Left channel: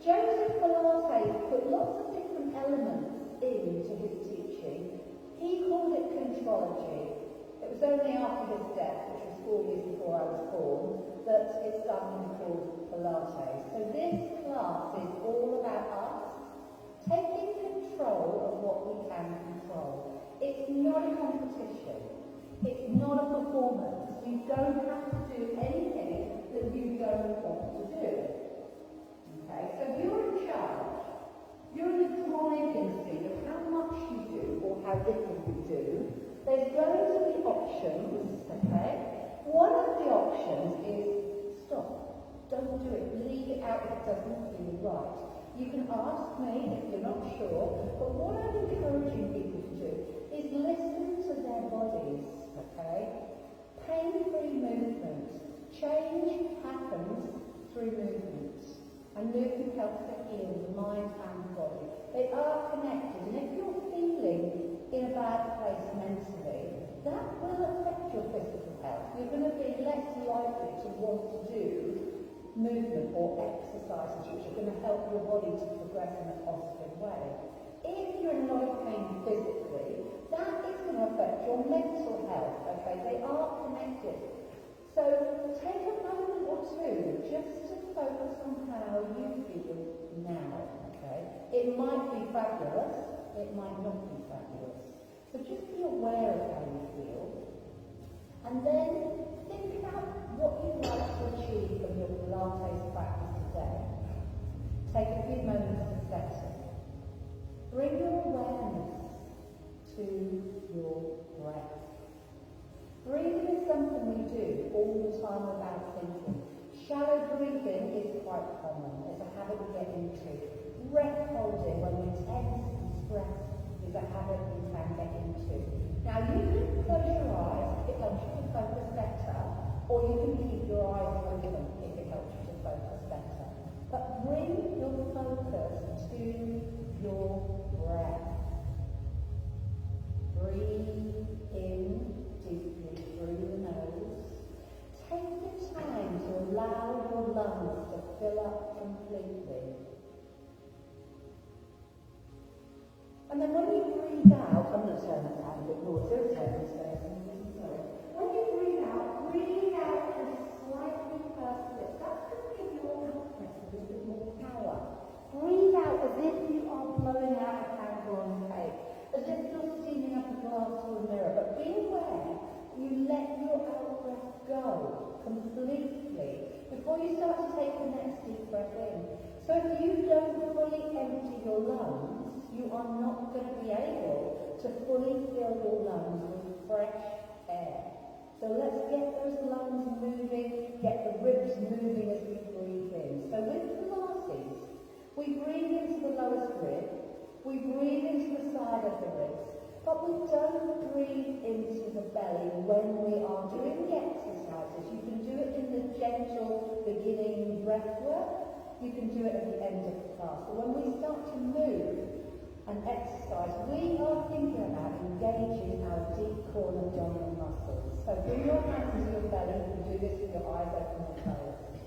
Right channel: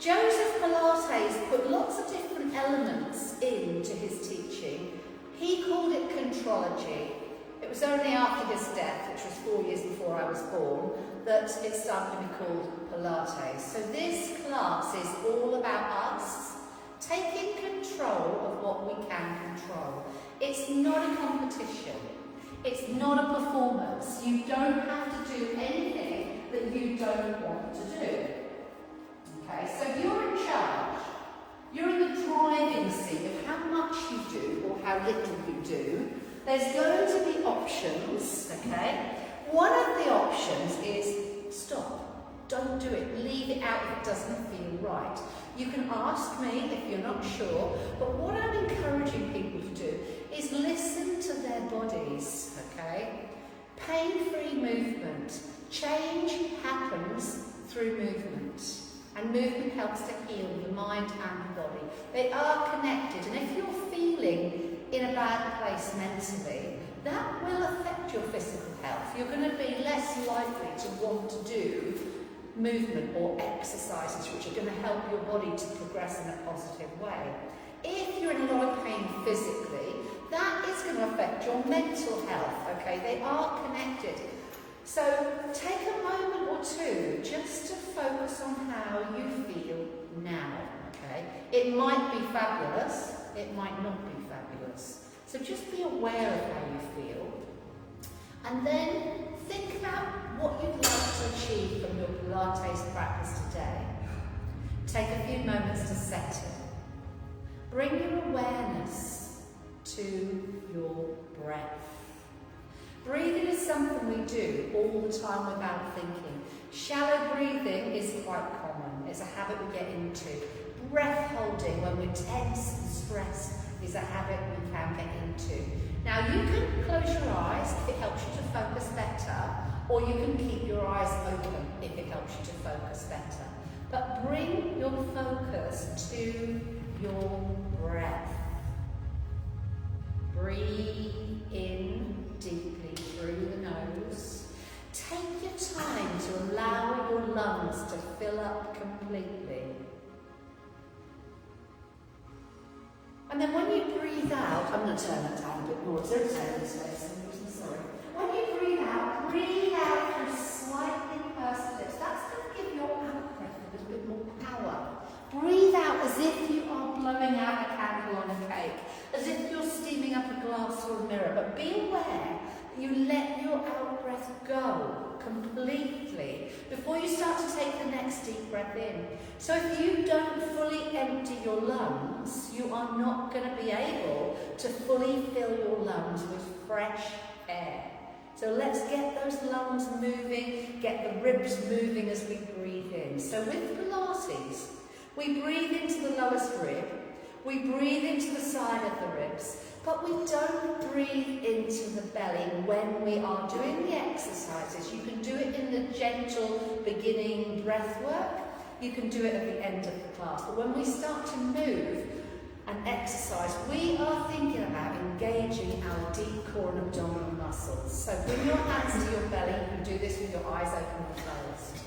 Joseph Pilates put lots of different elements into his teaching. He called it contrology. It was only after his death, which was 4 years before I was born, that it started to be called Pilates. So this class is all about us taking control of what we can control. It's not a competition. It's not a performance. You don't have to do anything that you don't want to do. Okay, so you're in charge. You're in the driving seat of how much you do or how little you do. There's going to be options, okay? One of the options is stop. Don't do it. Leave it out if it doesn't feel right. You can ask me if you're not sure, but what I'm encouraging people to do is listen to their bodies, okay? Pain-free movement. Change happens through movement. And movement helps to heal the mind and the body. They are connected, and if you're feeling in a bad place mentally, that will affect your physical health. You're going to be less likely to want to do movement or exercises which are going to help your body to progress in a positive way. If you're in a lot of pain physically, that is going to affect your mental health, okay? They are connected. So take a moment or two just to focus on how you feel now, okay? It might be fabulous, it might not be fabulous. So just be aware of how you feel. And then think about what you'd like to achieve from your Pilates practice today. Take a few moments to settle. Bring your awareness to your breath. Breathing is something we do all the time without thinking. Shallow breathing is quite common. It's a habit we get into. Breath holding when we're tense and stressed is a habit we can get into. Now you can close your eyes if it helps you to focus better, or you can keep your eyes open if it helps you to focus better. But bring your focus to your breath. Breathe in deeply through the nose. Take your time to allow your lungs to fill up completely. And then when you breathe out, I'm going to turn that down a bit more. It's irritating space, I'm sorry. When you breathe out through slightly pursed lips. That's going to give your out breath a little bit more power. Breathe out as if you are blowing out a candle on a cake, as if you're steaming up a glass or a mirror. it, but be aware that you let your out-breath go completely before you start to take the next deep breath in. So if you don't fully empty your lungs, you are not going to be able to fully fill your lungs with fresh air. So let's get those lungs moving, get the ribs moving as we breathe in. So with Pilates, we breathe into the lowest rib, we breathe into the side of the ribs, but we don't breathe into the belly when we are doing the exercises. You can do it in the gentle beginning breath work, you can do it at the end of the class, but when we start to move and exercise, we are thinking about engaging our deep core and abdominal muscles. So bring your hands to your belly. You can do this with your eyes open or closed.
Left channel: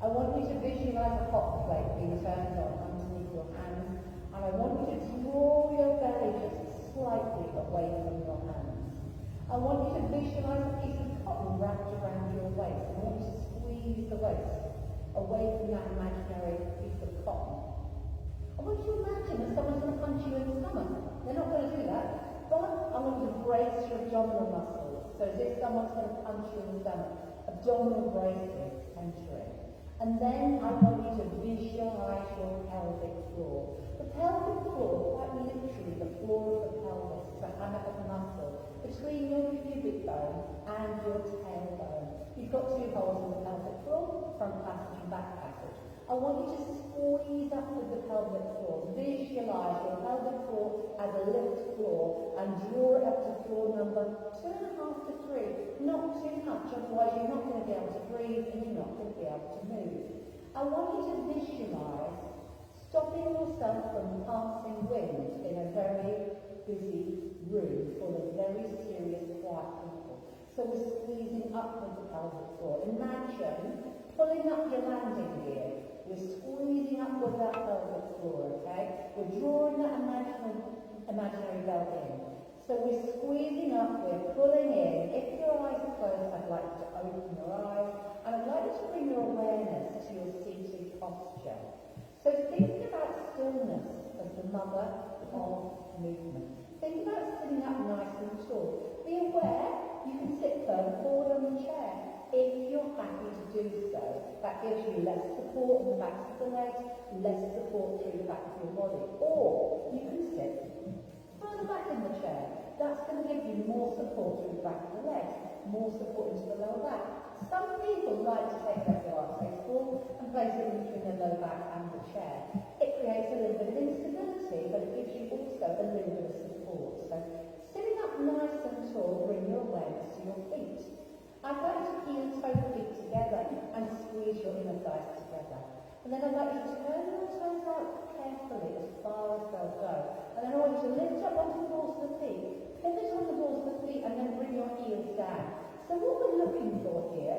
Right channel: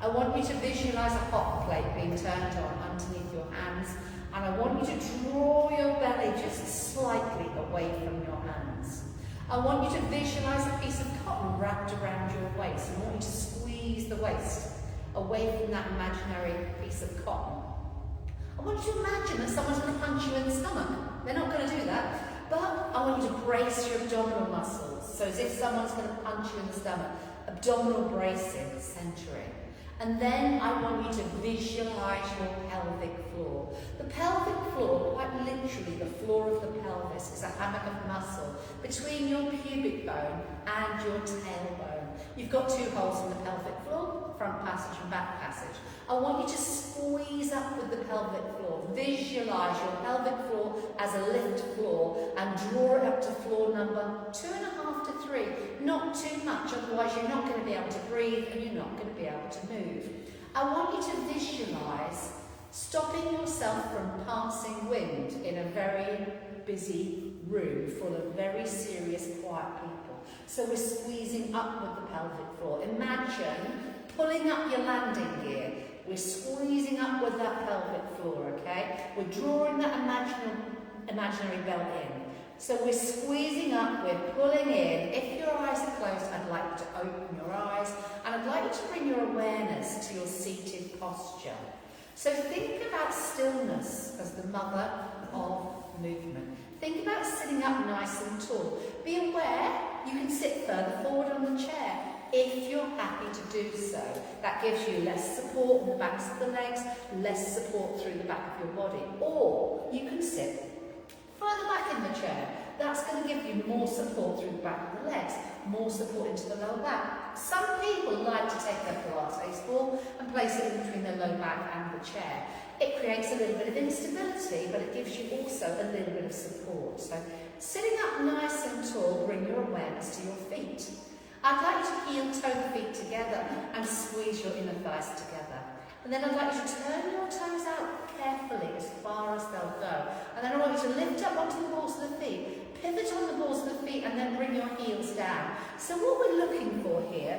I want you to visualize a hot plate being turned on underneath your hands, and I want you to draw your belly just slightly away from your hands. I want you to visualize a piece of cotton wrapped around your waist. I want you to squeeze the waist away from that imaginary piece of cotton. I want you to imagine that someone's going to punch you in the stomach. They're not going to do that, but I want you to brace your abdominal muscles. So as if someone's going to punch you in the stomach. Abdominal bracing, centering. And then I want you to visualize your pelvic floor. The pelvic floor, quite literally the floor of the pelvis, is a hammock of muscle between your pubic bone and your tailbone. You've got two holes in the pelvic floor, front passage and back passage. I want you to squeeze up with the pelvic floor. Visualize your pelvic floor as a lift floor and draw it up to floor number 2.5 to 3. Not too much, otherwise you're not going to be able to breathe and you're not going to be able to move. I want you to visualize stopping yourself from passing wind in a very busy room full of very serious, quiet people. So we're squeezing up with the pelvic floor. Imagine pulling up your landing gear. We're squeezing up with that pelvic floor, okay? We're drawing that imaginary belt in. So we're squeezing up, we're pulling in. If your eyes are closed, I'd like you to open your eyes, and I'd like you to bring your awareness to your seated posture. So think about stillness as the mother of movement. Think about sitting up nice and tall. Be aware you can sit further forward on the chair if you're happy to do so. That gives you less support on the backs of the legs, less support through the back of your body. Or you can sit further back in the chair. That's going to give you more support through the back of the legs, more support into the lower back. Some people like to take their Pilates ball and place it in between their low back and the chair. It creates a little bit of instability, but it gives you also a little bit of support. So sitting up nice and tall, bring your awareness to your feet. I'd like you to heel-toe the feet together and squeeze your inner thighs together. And then I'd like you to turn your toes out carefully as far as they'll go. And then I want you to lift up onto the balls of the feet, pivot on the balls of the feet, and then bring your heels down. So what we're looking for here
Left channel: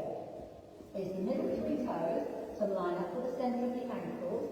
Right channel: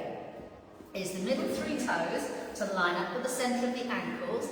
is the middle 3 toes to line up with the centre of the ankles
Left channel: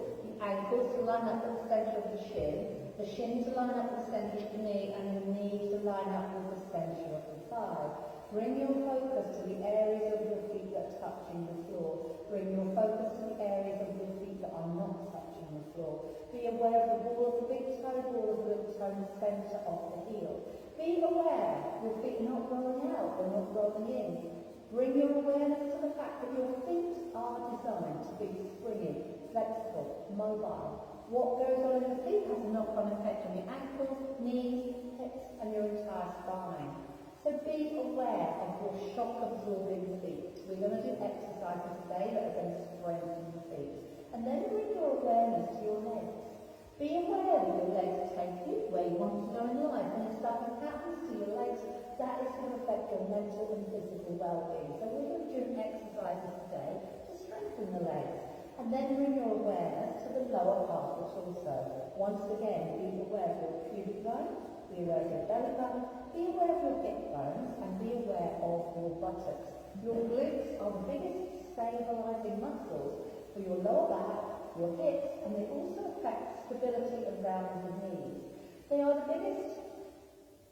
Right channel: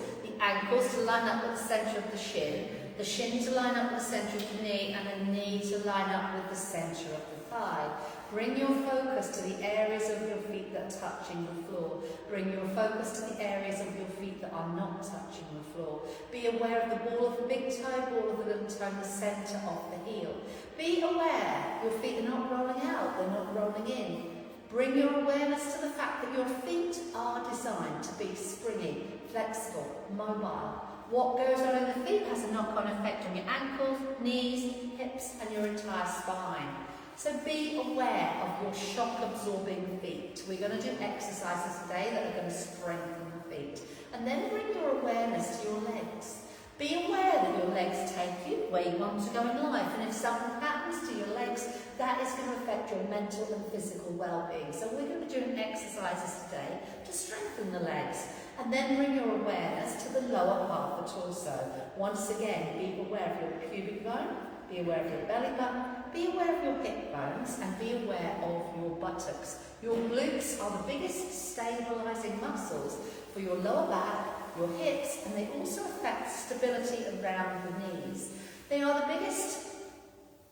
to line up with the centre of the shin to line up with the centre of the knee, and the knee to line up with the centre of the thigh. Bring your focus to the areas of your feet that are touching the floor. Bring your focus to the areas of your feet that are not touching the floor. Be aware of the ball of the big toe, ball of the little toe, and the centre of the heel. Be aware your feet are not rolling out, they're not rolling in. Bring your awareness to the fact that your feet are designed to be springy, flexible, mobile. What goes on in the feet has a knock-on effect on your ankles, knees, hips, and your entire spine. So be aware of your shock-absorbing feet. We're going to do exercises today that are going to strengthen the feet. And then bring your awareness to your legs. Be aware that your legs take you where you want to go in life. And if something happens to your legs, that is going to affect your mental and physical well-being. So we're going to be doing exercises today to strengthen the legs. And then bring your awareness to the lower part of the torso. Once again, be aware of your pubic bone, be aware of your belly button, be aware of your hip bones, and be aware of your buttocks. Your glutes are the biggest stabilising muscles for your lower back, your hips, and they also affect stability around the knees. They are the biggest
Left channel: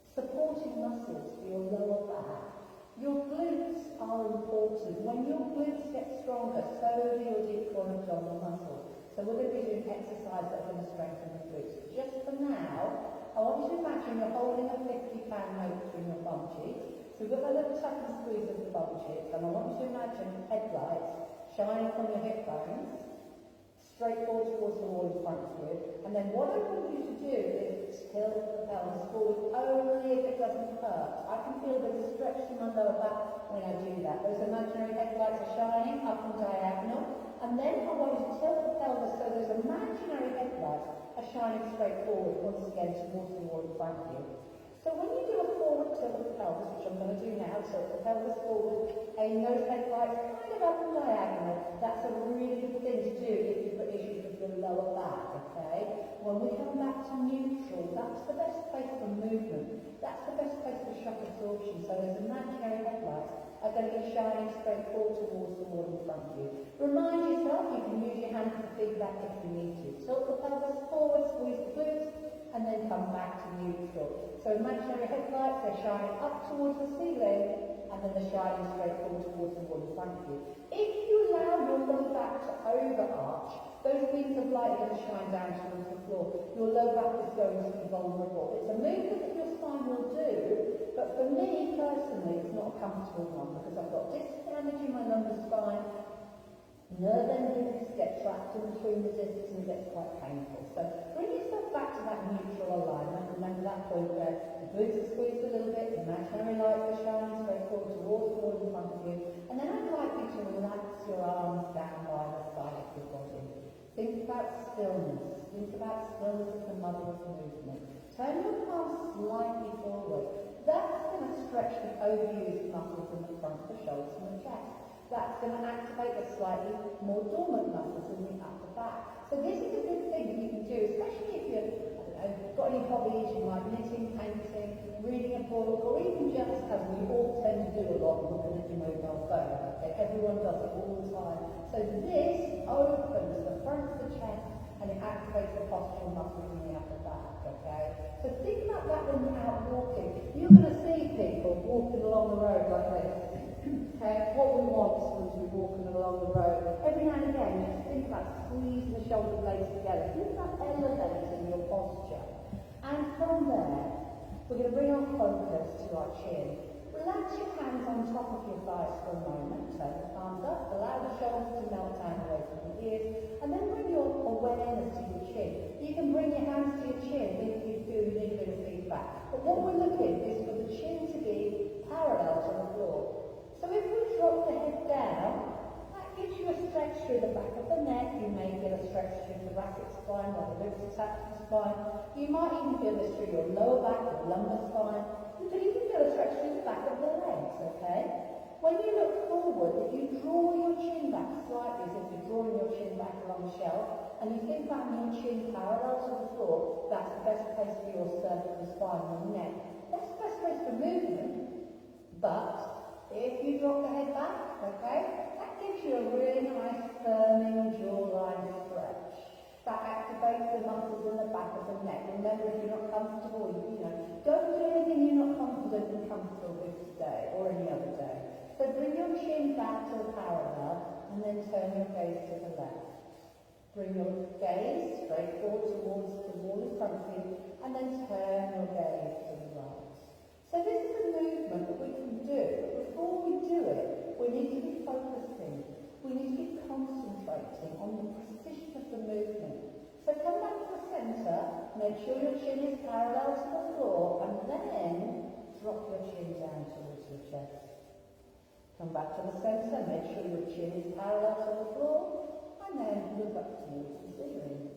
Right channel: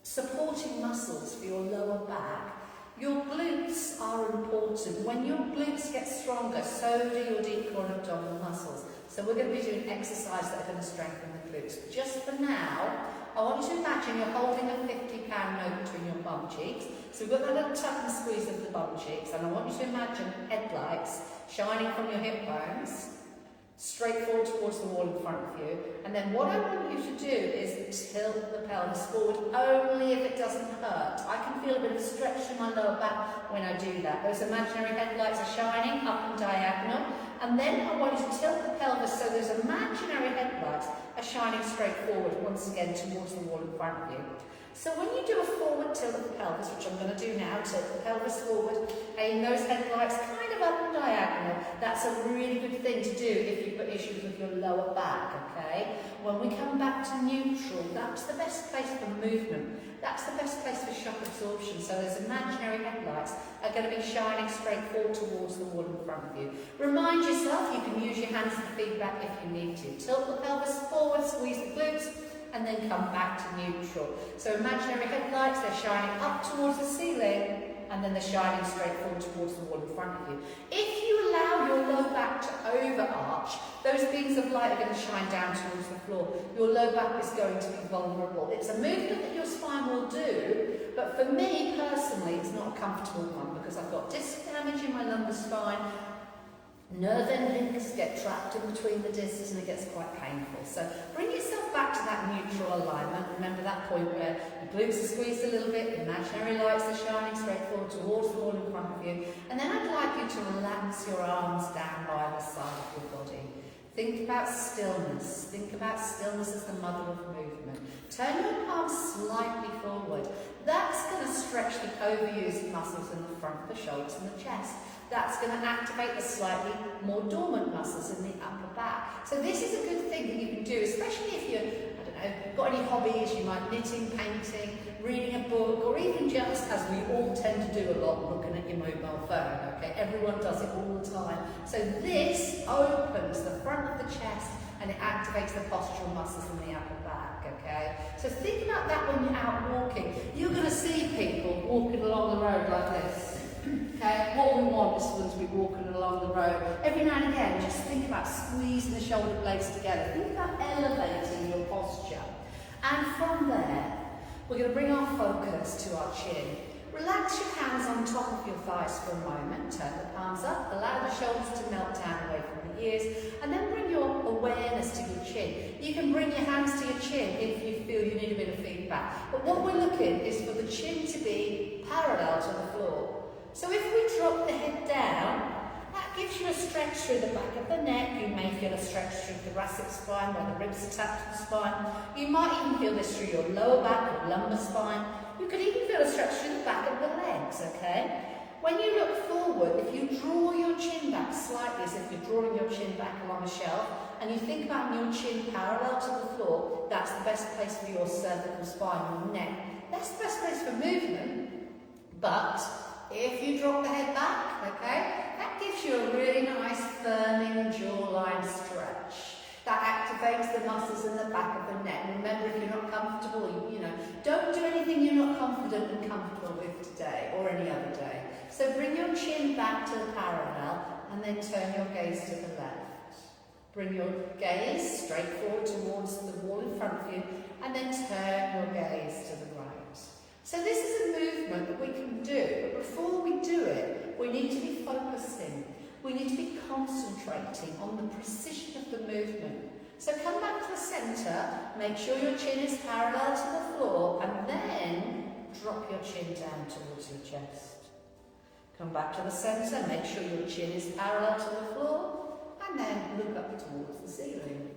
supporting muscles for your lower back. Your glutes are important. When your glutes get stronger, so do your deep core and abdominal muscles. So we're going to be doing exercises that are going to strengthen the glutes. Just for now, I want you to imagine you're holding a 50-pound down note between your bum cheeks. So we've got that little tap and squeeze of the bum cheeks, and I want you to imagine headlights shining from your hip bones, straight forward towards the wall in front of you. And then what I want you to do is tilt the pelvis forward only if it doesn't hurt. I can feel a bit of a stretch in my lower back when I do that. Those imaginary headlights are shining up and diagonal. And then I want you to tilt the pelvis so those imaginary headlights are shining straight forward, once again towards the wall in front of you. So when you do a forward tilt of the pelvis, which I'm going to do now, tilt the pelvis forward, aim those headlights kind of up and diagonal. That's a really good thing to do if you've got issues with your lower back, okay? When we come back to neutral, that's the best place for movement. That's the best place for shock absorption. So those imaginary headlights are going to be shining straight forward towards the wall in front of you. Remind yourself you can use your hands for feedback if you need to. Tilt the pelvis forward, squeeze the glutes, and then come back to neutral. So imaginary headlights, they're shining up towards the ceiling, and then they're shining straight forward towards the wall in front of you. If you allow your low back to overarch, those beams of light are going to shine down towards the floor. Your low back is going to be vulnerable. It's a movement that your spine will do, but for me personally, it's not a comfortable one because I've got disc damage in my lumbar spine. Nerve endings get trapped in between the discs and it gets quite painful. So bring yourself back to that neutral alignment. Remember that point where the glutes are squeezed a little bit, imaginary lights are shining straight forward towards the wall in front of you. And then I'd like you to relax your arms down by the side of your body. Think about stillness. Think about stillness as the mother of movement. Turn your palms slightly forward. That's going to stretch the overused muscles in the front of the shoulders and the chest. That's going to activate the slightly more dormant muscles in the upper back. So this is a good thing that you can do, especially if you're, I don't know, got any hobbies, you might knitting, painting, reading a book, or even just, as we all tend to do a lot, looking at your mobile phone, okay? Everyone does it all the time. So this opens the front of the chest and it activates the postural muscles in the upper back, okay? So think about that when you're out walking. You're going to see people walking along the road like this. Okay, what we want is for them to be walking along the road. Every now and again, just think about squeezing the shoulder blades together. Think about elevating your posture. And from there, we're going to bring our focus to our chin. Relax your hands on top of your thighs for a moment. Turn the palms up. Allow the shoulders to melt down away from the ears. And then bring your awareness to your chin. You can bring your hands to your chin if you feel you need a bit of feedback. But what we're looking is for the chin to be parallel to the floor. So if we drop the head down, that gives you a stretch through the back of the neck. You may feel a stretch through the thoracic spine where the ribs attach to the spine. You might even feel this through your lower back or lumbar spine. You could even feel a stretch through the back of the legs, okay? When you look forward, if you draw your chin back slightly, as if you're drawing your chin back along a shelf, and you think about your chin parallel to the floor, that's the best place for your cervical spine, your neck. That's the best place for movement, but if you drop the head back, okay, that gives you a really nice firming jawline stretch. That activates the muscles in the back of the neck. Remember, if you're not comfortable, you know, don't do anything you're not confident and comfortable with today or any other day. So bring your chin back to the parallel and then turn your gaze to the left. Bring your gaze straight forward towards the wall in front of you and then turn your gaze to the right. So this is a movement that we can do, but before we do it, we need to be focusing. We need to be concentrating on the precision of the movement. So come back to the centre, make sure your chin is parallel to the floor, and then drop your chin down towards your chest. Come back to the centre, make sure your chin is parallel to the floor, and then look up towards the ceiling.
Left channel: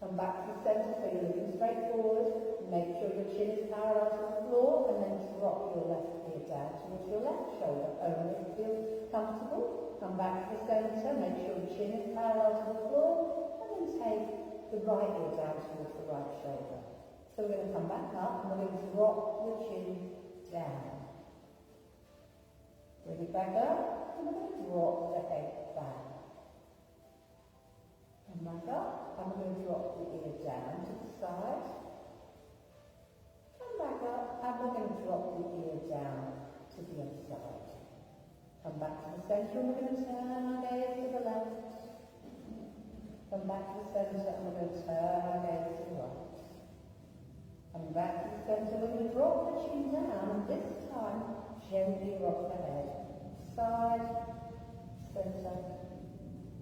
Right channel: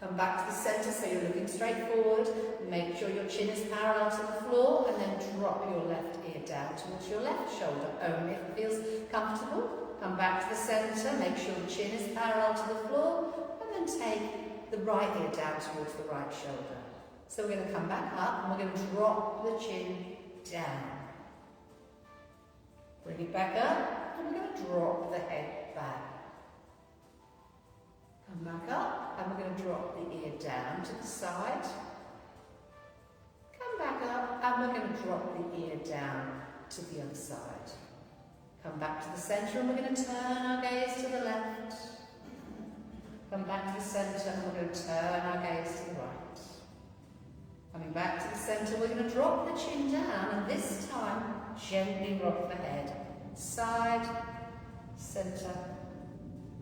Come back to the centre so you're looking straight forward. Make sure your chin is parallel to the floor and then drop your left ear down towards your left shoulder, only if it feels comfortable. Come back to the centre, make sure the chin is parallel to the floor and then take the right ear down towards the right shoulder. So we're going to come back up and we're going to drop the chin down. Bring it back up and we're going to drop the head back. Come back up and we're going to drop the ear down to the side. Come back up and we're going to drop the ear down to the other side. Come back to the centre and we're going to turn our gaze to the left. Come back to the centre and we're going to turn our gaze to the right. Coming back to the centre, we're going to drop the chin down, and this time, gently rock the head. Side, centre,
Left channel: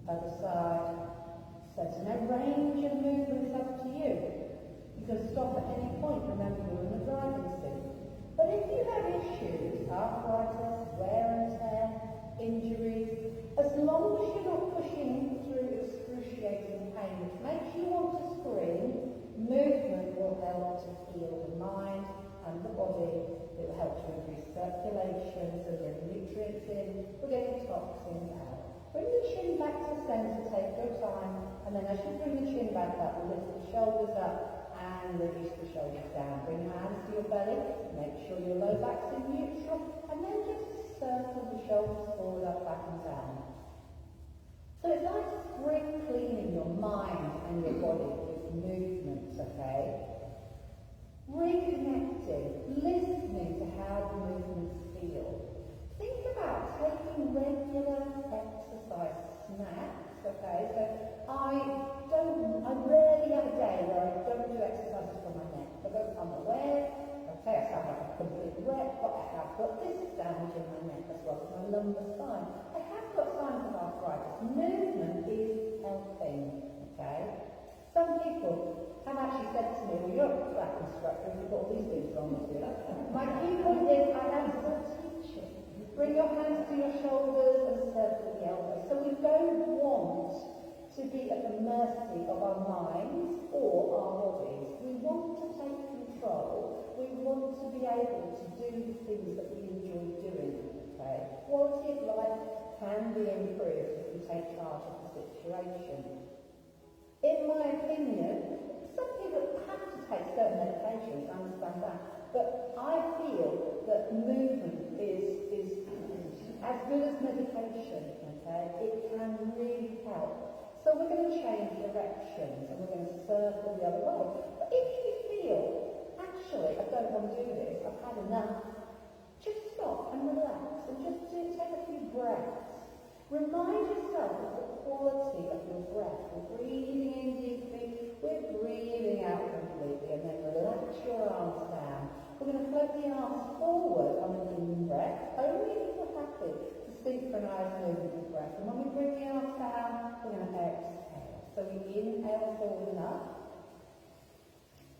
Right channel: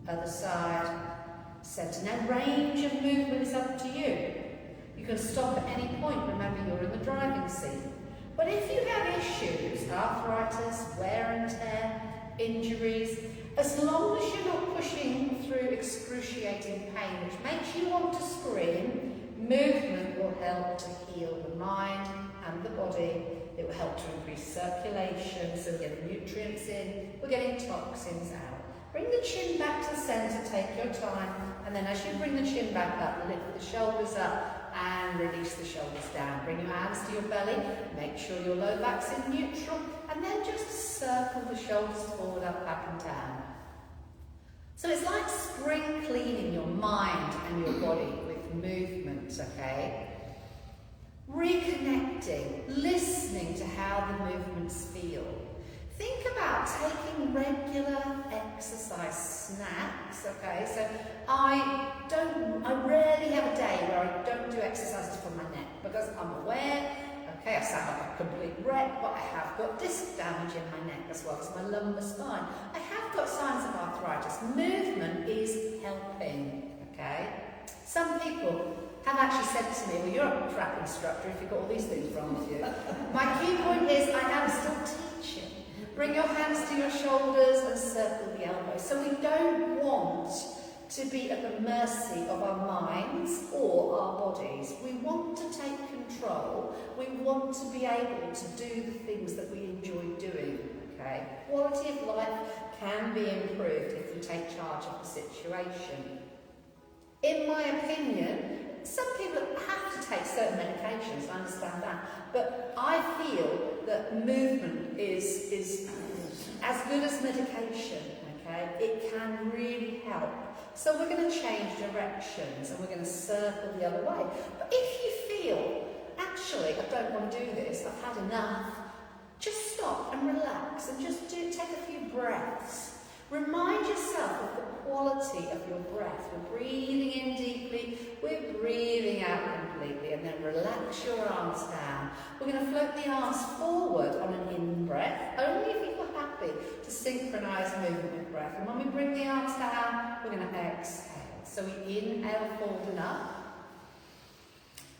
other side, centre. Now, range of movement is up to you. You can stop at any point. Remember, you're in the driving seat. But if you have issues, arthritis, wear and tear, injuries, as long as you're not pushing through excruciating pain, which makes you want to scream, movement will help to heal the mind and the body. It will help to increase circulation, so we're getting nutrients in, we're getting toxins out. Bring the chin back to the centre, take your time, and then as you bring the chin back up, lift the shoulders up and release the shoulders down. Bring your hands to your belly, make sure your low back's in neutral, and then just circle the shoulders forward, up, back and down. So it's like spring cleaning your mind and your body with movement, okay? Reconnecting, listening to how the movements feel. Think about taking regular exercise snacks, okay? So I rarely have a day where I don't do exercises for my neck because I'm aware, okay, I sound like a complete wreck, but I have got disc damage in my neck as well as my lumbar spine. I have got signs of arthritis. Movement is helping, okay? Some people have actually said to me, well, you're a crap instructor if you've got all these things wrong with you. My key point is I am still teaching. Bring your hands to your shoulders and circle the elbows. So we don't want to be at the mercy of our minds or our bodies. We want to take control. We want to be able to do the things that we enjoy doing, okay? Quality of life can be improved if we take charge of the situation. In my opinion, some people have to take certain medications, I understand that, but I feel that movement is as good as medication, okay? It can really help. So we're going to change directions and we're going to circle the other way. But if you feel, actually, I don't want to do this, I've had enough, just stop and relax and just take a few breaths. Remind yourself of the quality of your breath. We're breathing in deeply, we're breathing out completely, and then relax your arms down. We're going to float the arms forward on an in-breath, only if you're happy to synchronise movement with breath. And when we bring the arms down, we're going to exhale. So we inhale, folding up.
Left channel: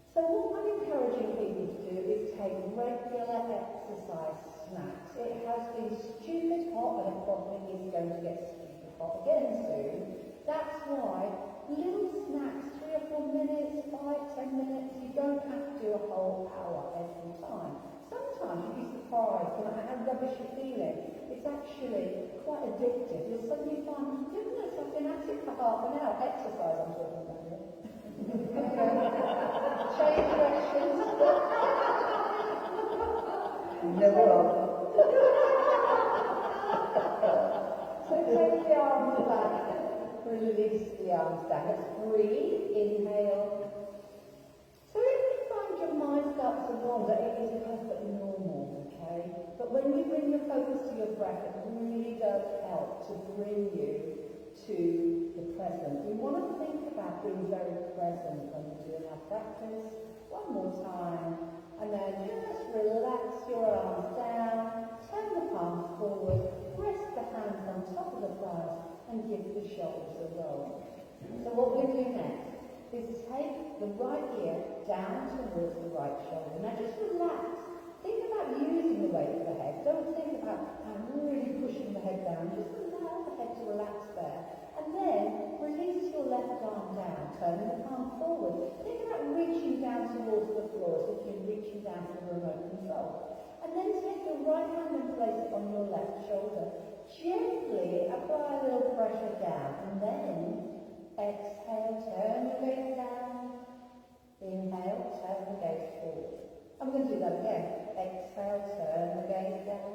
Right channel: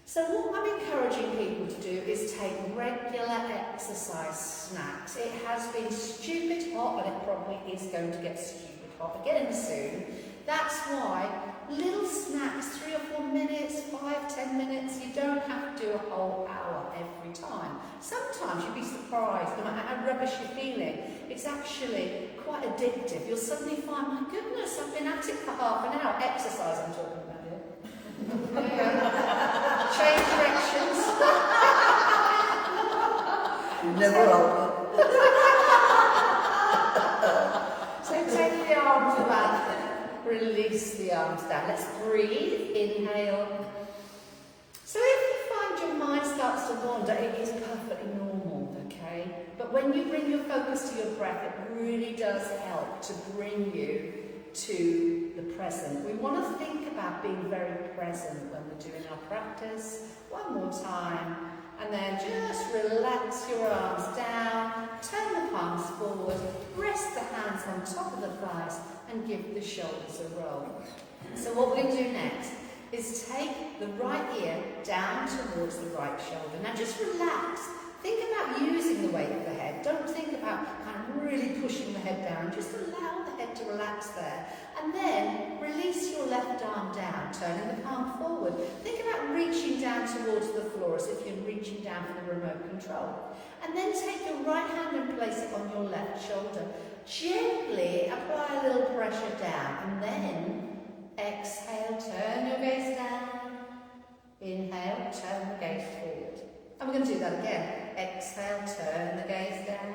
So what I'm encouraging people to do is take regular exercise snacks. It has been stupid hot, and it probably is going to get stupid hot again soon. That's why little snacks, 3 or 4 minutes, 5, 10 minutes, you don't have to do a whole hour every time. Sometimes you'll be surprised, no matter how rubbish you're feeling, it's actually quite addictive. You'll suddenly find, my goodness, I've been at it for half an hour. Exercise I'm talking about here. Change directions. Never open. So take the arms back, release the arms down. Let's breathe, inhale. So if you find your mind starts to wander, it is perfectly normal, okay? But when you bring your focus to your breath, it really does help to bring you to the present. We want to think about being very present when we're doing our practice. One more time, and then just relax your arms down, turn the palms forward, rest the hands on top of the thighs, and give the shoulders a roll. So what we're going to do next is take the right ear down towards the right shoulder. Now just relax. Think about using the weight of the head. Don't think about kind of really pushing the head down. Just allow the head to relax there. And then release your left arm down, turning the palm forward. Think about reaching down towards the floor as if you're reaching down for the remote control. And then take your right hand and place it on your left shoulder. Gently apply a little pressure down. And then exhale, turn your gaze down. Inhale, turn the gaze forward. And we're going to do that again. Exhale, turn the gaze down.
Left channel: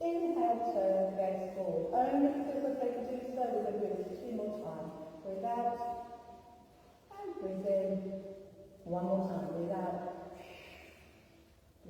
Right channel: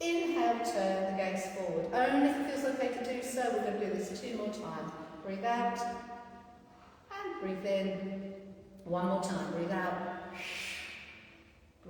Inhale, turn the gaze forward. Only if it feels okay to do so. We're going to do this 2 more times. Breathe out and breathe in. 1 more time. Breathe out.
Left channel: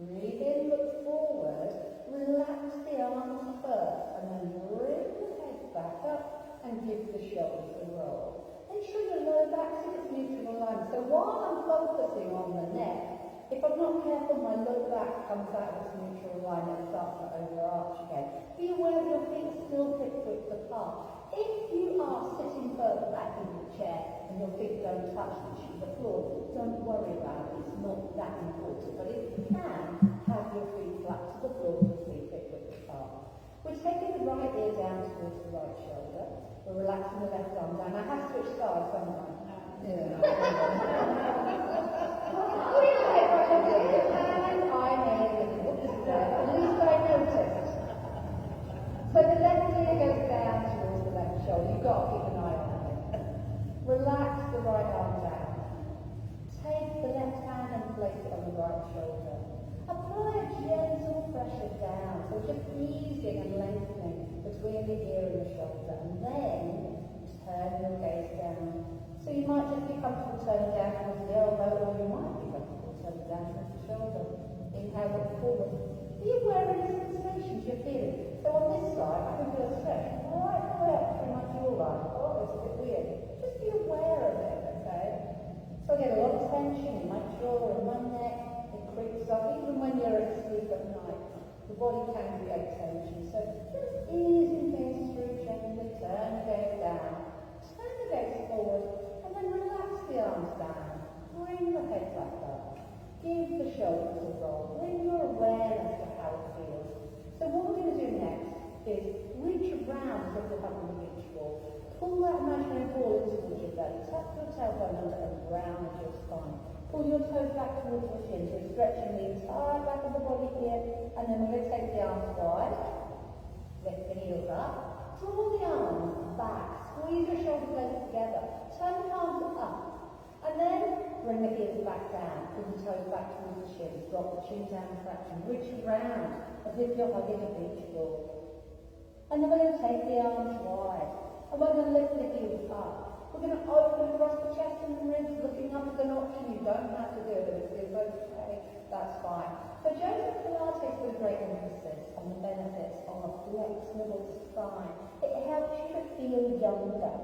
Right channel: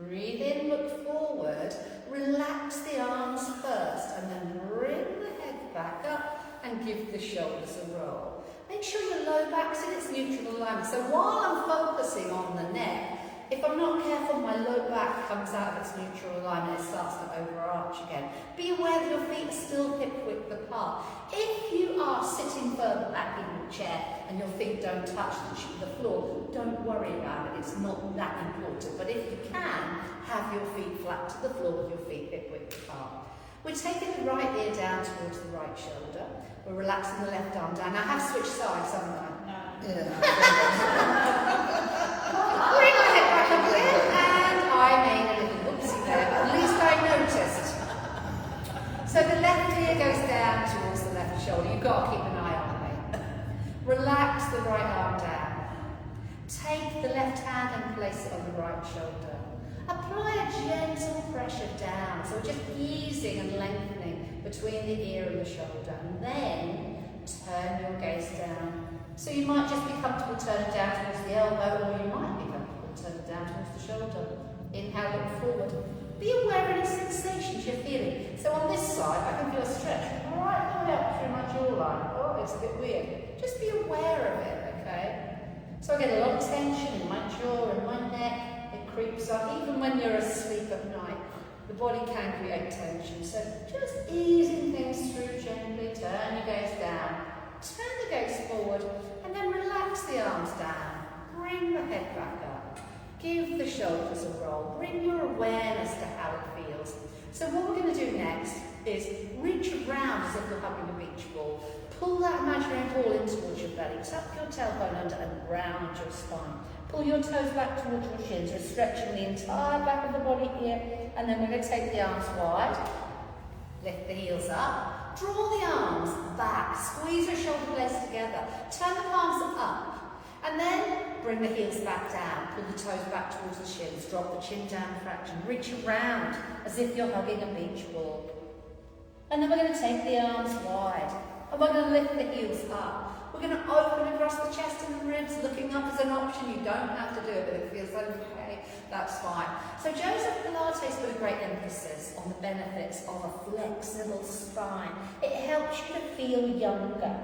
Breathe in, look forward. Relax the arms first and then bring the head back up and give the shoulders a roll. Make sure your low back's in its neutral alignment. So while I'm focusing on the neck, if I'm not careful, my low back comes out of its neutral line and it starts to overarch again. Be aware that your feet are still hip width apart. If you are sitting further back in your chair and your feet don't touch the floor, don't worry about it. It's not that important. But if you can, have your feet flat to the floor with your feet hip width apart. We're taking the right ear down towards the right shoulder. We're relaxing the left arm down. Now I have switched sides, haven't I? Yeah. Bring my head back up here, and I made a little whoopsie there, but at least I noticed. So the left ear goes down towards the left shoulder. You've got to keep an eye on me. Relax the right arm down. Take the left hand and place it on the right shoulder. Apply a gentle pressure down, so we're just easing and lengthening between the ear and the shoulder, and then turn your gaze down. So you might just be comfortable turning down towards the elbow, or you might be comfortable turning down towards the shoulder. Inhale, look forward. Be aware of any sensations you're feeling. So on this side, I can feel a stretch right the way up through my jawline. Oh, it's a bit weird. Just be aware of it, okay? So I get a lot of tension in my jaw and my neck. It creeps up, even when you're asleep at night. The body can create tension. So just easing things through gently. Turn your gaze down. Turn the gaze forward. And then relax the arms down. Bring the head back up. Give the shoulders a roll. Bring your awareness to how it feels. So what we're going to do next is reach around as if you're hugging a beach ball. Pull that imaginary ball in towards your belly. Tuck your tailbone under and round your spine. Pull your toes back towards your shins. We're stretching the entire back of the body here. And then we're going to take the arms wide. Lift the heels up. Draw the arms back. Squeeze your shoulder blades together. Turn the palms up. And then bring the heels back down. Pull the toes back towards the shins. Drop the chin down a fraction. Reach around as if you're hugging a beach ball. And then we're going to take the arms wide. And we're going to lift the heels up. We're going to open across the chest and the ribs. Looking up is an option. You don't have to do it, but if it feels okay, that's fine. So Joseph Pilates put a great emphasis on the benefits of a flexible spine. It helps you to feel younger.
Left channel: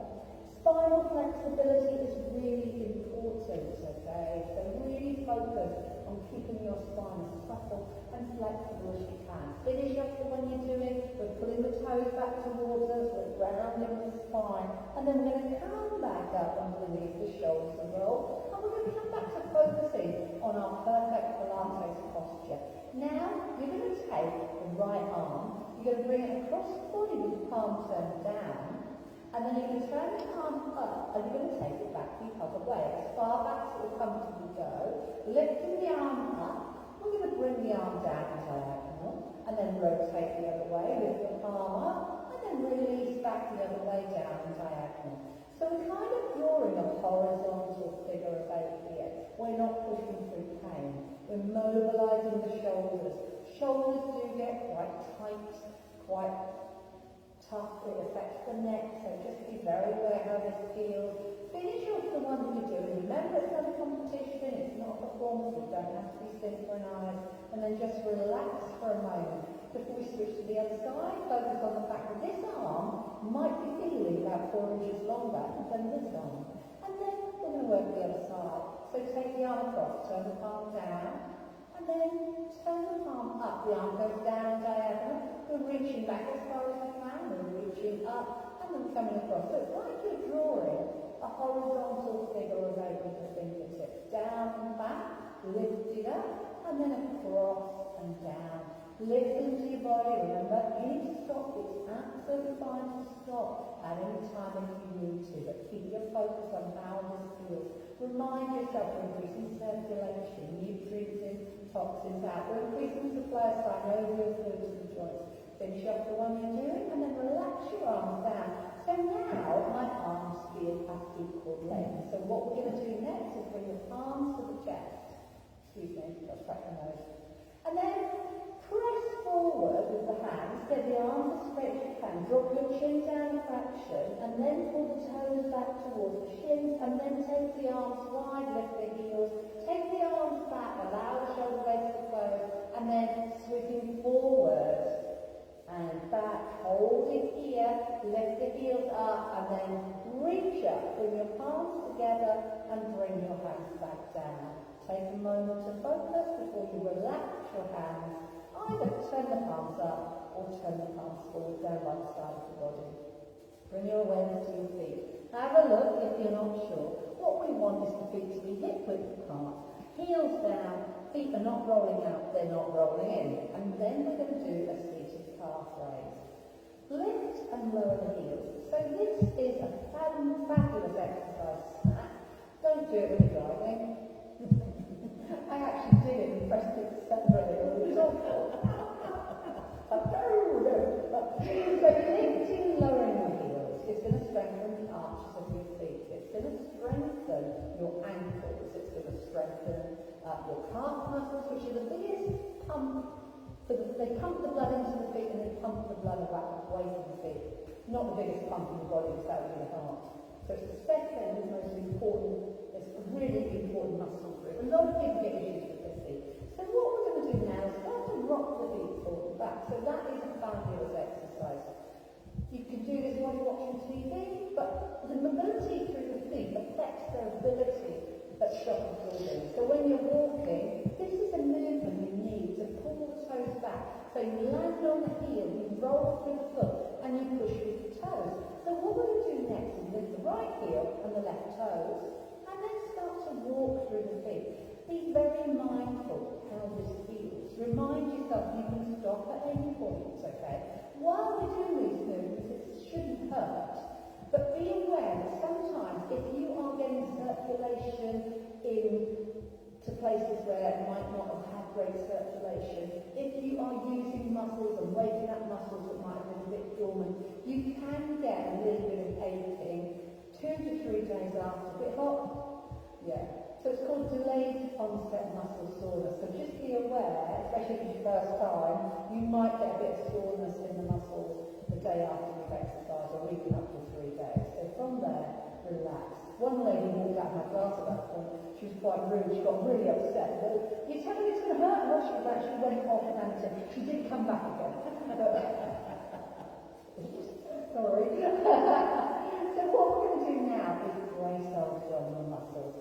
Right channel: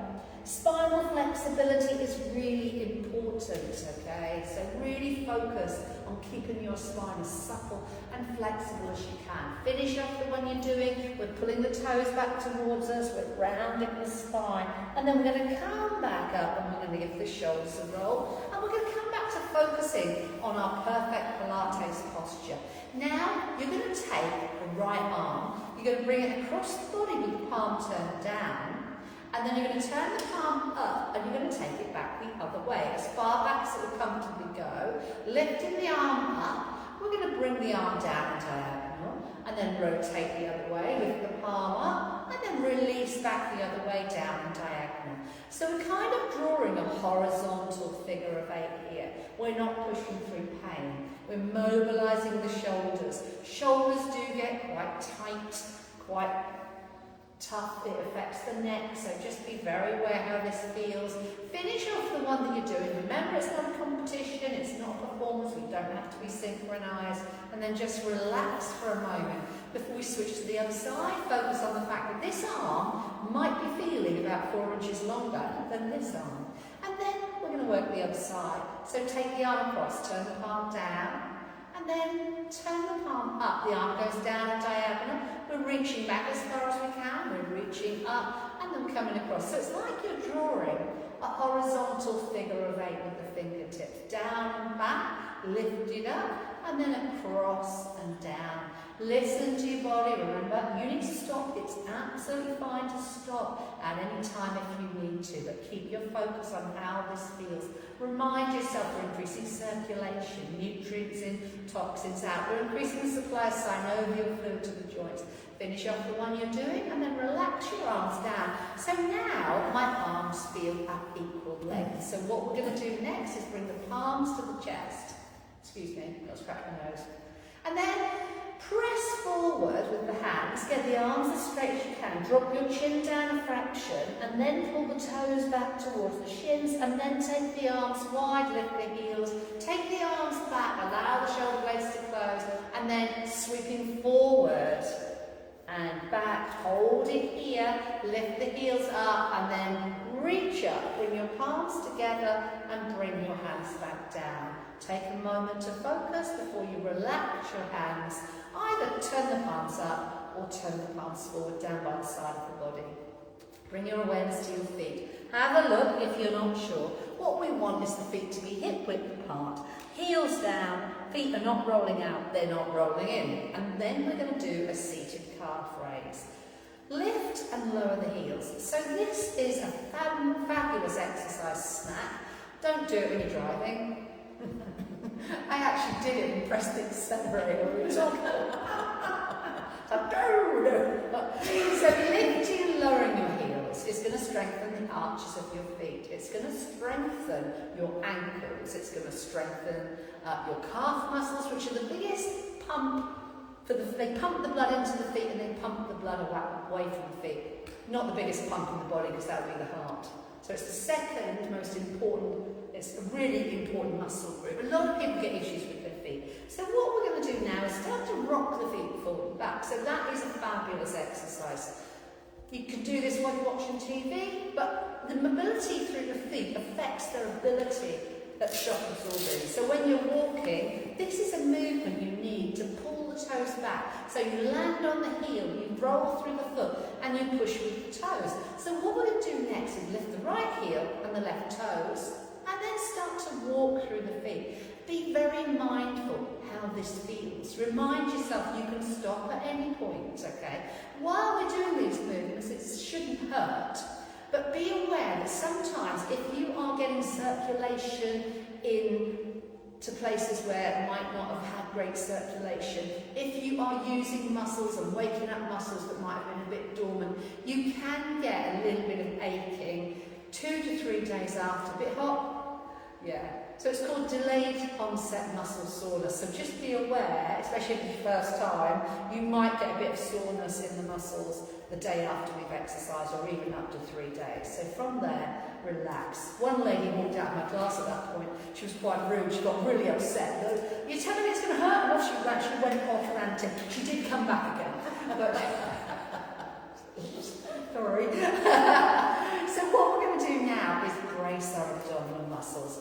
Spinal flexibility is really important, okay? So really focus on keeping your spine as supple and flexible as you can. Finish off the one you're doing. We're pulling the toes back towards us. We're rounding the spine. And then we're going to come back up and we're going to give the shoulders a roll. And we're going to come back to focusing on our perfect Pilates posture. Now, you're going to take the right arm. You're going to bring it across the body with the palm turned down. And then you're going to turn the palm up and you're going to take it back the other way, as far back as it will comfortably go. Lifting the arm up, we're going to bring the arm down diagonal and then rotate the other way, lift the palm up and then release back the other way down and diagonal. So we're kind of drawing a horizontal figure of 8 here. We're not pushing through pain. We're mobilising the shoulders. Shoulders do get quite tight, quite tough. It affects the neck, so just be very aware how this feels. Finish off the one that you're doing. Remember, it's not a competition, it's not a performance, we don't have to be synchronized. And then just relax for a moment before we switch to the other side. Focus on the fact that this arm might be feeling about 4 inches longer than this arm. And then we're going to work the other side. So take the arm across, turn the palm down, and then turn the palm up. The arm goes down diagonal. We're reaching back as far as we can. We're reaching up and then coming across. So it's like you're drawing a horizontal figure of 8 with the fingertips. Down and back, lift it up, and then across and down. Listen to your body. Remember, you need to stop. It's absolutely fine to stop at any time if you need to, but keep your focus on how this feels. Remind yourself we're increasing circulation, nutrients in, toxins out. We're increasing the supply of synovial fluid to the joints. Finish off the one you're doing and then relax your arms down. So now my arms feel at equal length. So what we're going to do next is bring the palms to the chest. Excuse me, I've got to scratch my nose. And then press forward with the hands, get the arms as straight as you can, drop your chin down a fraction, and then pull the toes back towards the shins, and then take the arms wide, lift the heels, take the arms back, allow the shoulder blades to close, and then sweeping forward and back, hold it here, lift the heels up, and then Reach up, bring your palms together and bring your hands back down. Take a moment to focus before you relax your hands. Either turn the palms up or turn the palms forward down by the side of the body. Bring your awareness to your feet. Have a look if you're not sure. What we want is the feet to be hip width apart. Heels down, feet are not rolling out, they're not rolling in. And then we're going to do a seated calf raise. Lift and lower the heels. So this is a fabulous exercise snack. Don't do it when you're driving. I actually did it in Preston in December when we were talking. So lifting and lowering your heels is going to strengthen the arches of your feet. It's going to strengthen your ankles. It's going to strengthen your calf muscles, which are the biggest pump. They pump the blood into the feet and they pump the blood away from the feet. Not the biggest pump in the body, because that would be the heart. So it's the second most important, it's a really important muscle group. A lot of people get issues with their feet. So what we're going to do now is start to rock the feet forward and back. So that is a fabulous exercise. You can do this while you're watching TV, but the mobility through the feet affects their ability at shock absorbing. So when you're walking, this is a movement you need to pull the toes back. So you land on the heel, you roll through the foot, and you push with the toes. So what we're going to do next is lift the right heel and the left toes, and then start to walk through the feet. Be very mindful how this feels. Remind yourself you can stop at any point, okay? While we're doing these movements, it shouldn't hurt. But be aware that sometimes if you are getting circulation into places where it might not have had great circulation, if you are using muscles and waking up muscles that might have been a bit dormant, you can get a little bit of aching 2 to 3 days after. A bit hot? Yeah. So it's called delayed onset muscle soreness. So just be aware, especially if it's your first time, you might get a bit of soreness in the muscles the day after we've exercised, or even up to 3 days. So from there, relax. One lady walked out of my class at that point. She was quite rude. She got really upset. You're telling me it's going to hurt? No, she actually went off ranting. She did come back again. But sorry. So what we're going to do now is brace our abdominal muscles.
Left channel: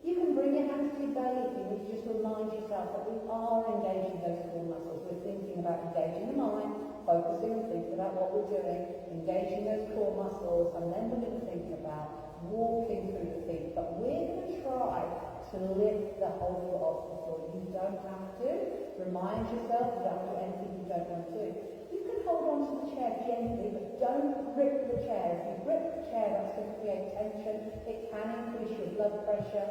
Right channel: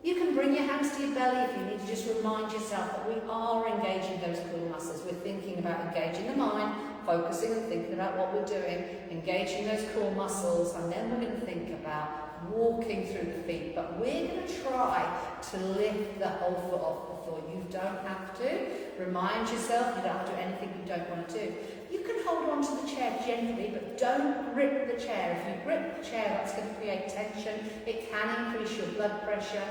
You can bring your hands to your belly if you need to. Just remind yourself that we are engaging those core muscles. We're thinking about engaging the mind, focusing and thinking about what we're doing, engaging those core muscles, and then we're going to think about walking through the feet. But we're going to try to lift the whole foot off the floor. You don't have to. Remind yourself you don't have to do anything you don't want to do. You can hold on to the chair gently, but don't grip the chair. If you grip the chair, that's going to create tension. It can increase your blood pressure.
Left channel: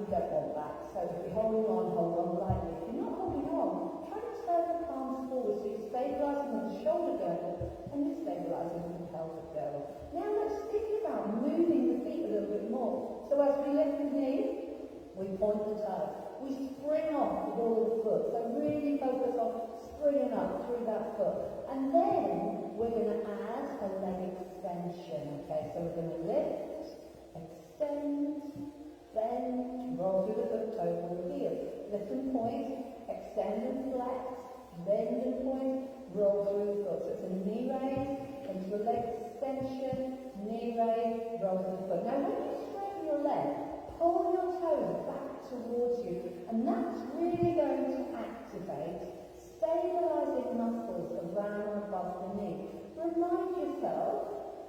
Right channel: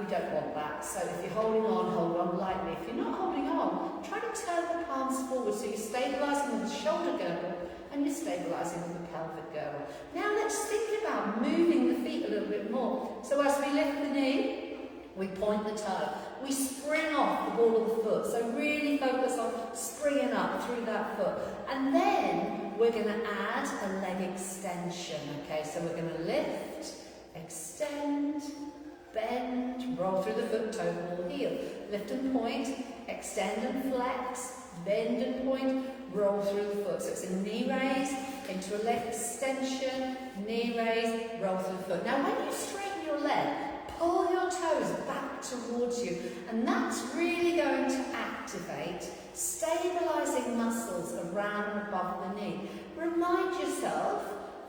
We don't want that. So if you're holding on, hold on lightly. If you're not holding on, try to turn the palms forward so you're stabilising with the shoulder girdle and you're stabilising with the pelvic girdle. Now let's think about moving the feet a little bit more. So as we lift the knee, we point the toe. We spring off the ball of the foot. So really focus on springing up through that foot. And then we're going to add a leg extension. Okay, so we're going to lift, extend, bend, roll through the foot, toe, ball, heel. Lift and point, extend and flex, bend and point, roll through the foot. So it's a knee raise into a leg extension, knee raise, roll through the foot. Now when you straighten your leg, pull your toes back towards you, and that's really going to activate stabilising muscles around and above the knee. Remind yourself,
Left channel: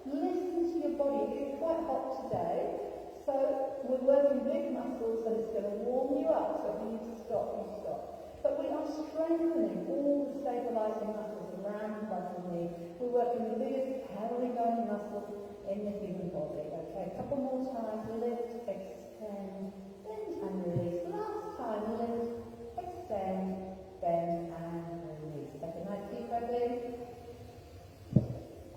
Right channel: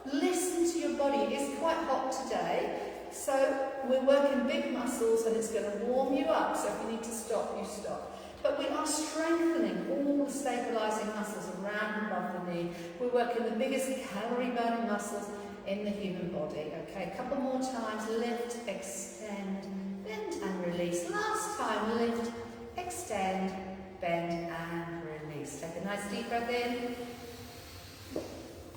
listen to your body. It is quite hot today. So we're working big muscles and it's going to warm you up. So if you need to stop, you stop. But we are strengthening all the stabilising muscles around and above the knee. We're working the biggest calorie burning muscles in the human body. Okay, a couple more times. Lift, extend, bend and release. Last time, lift, extend, bend and release. Take a nice deep breath in.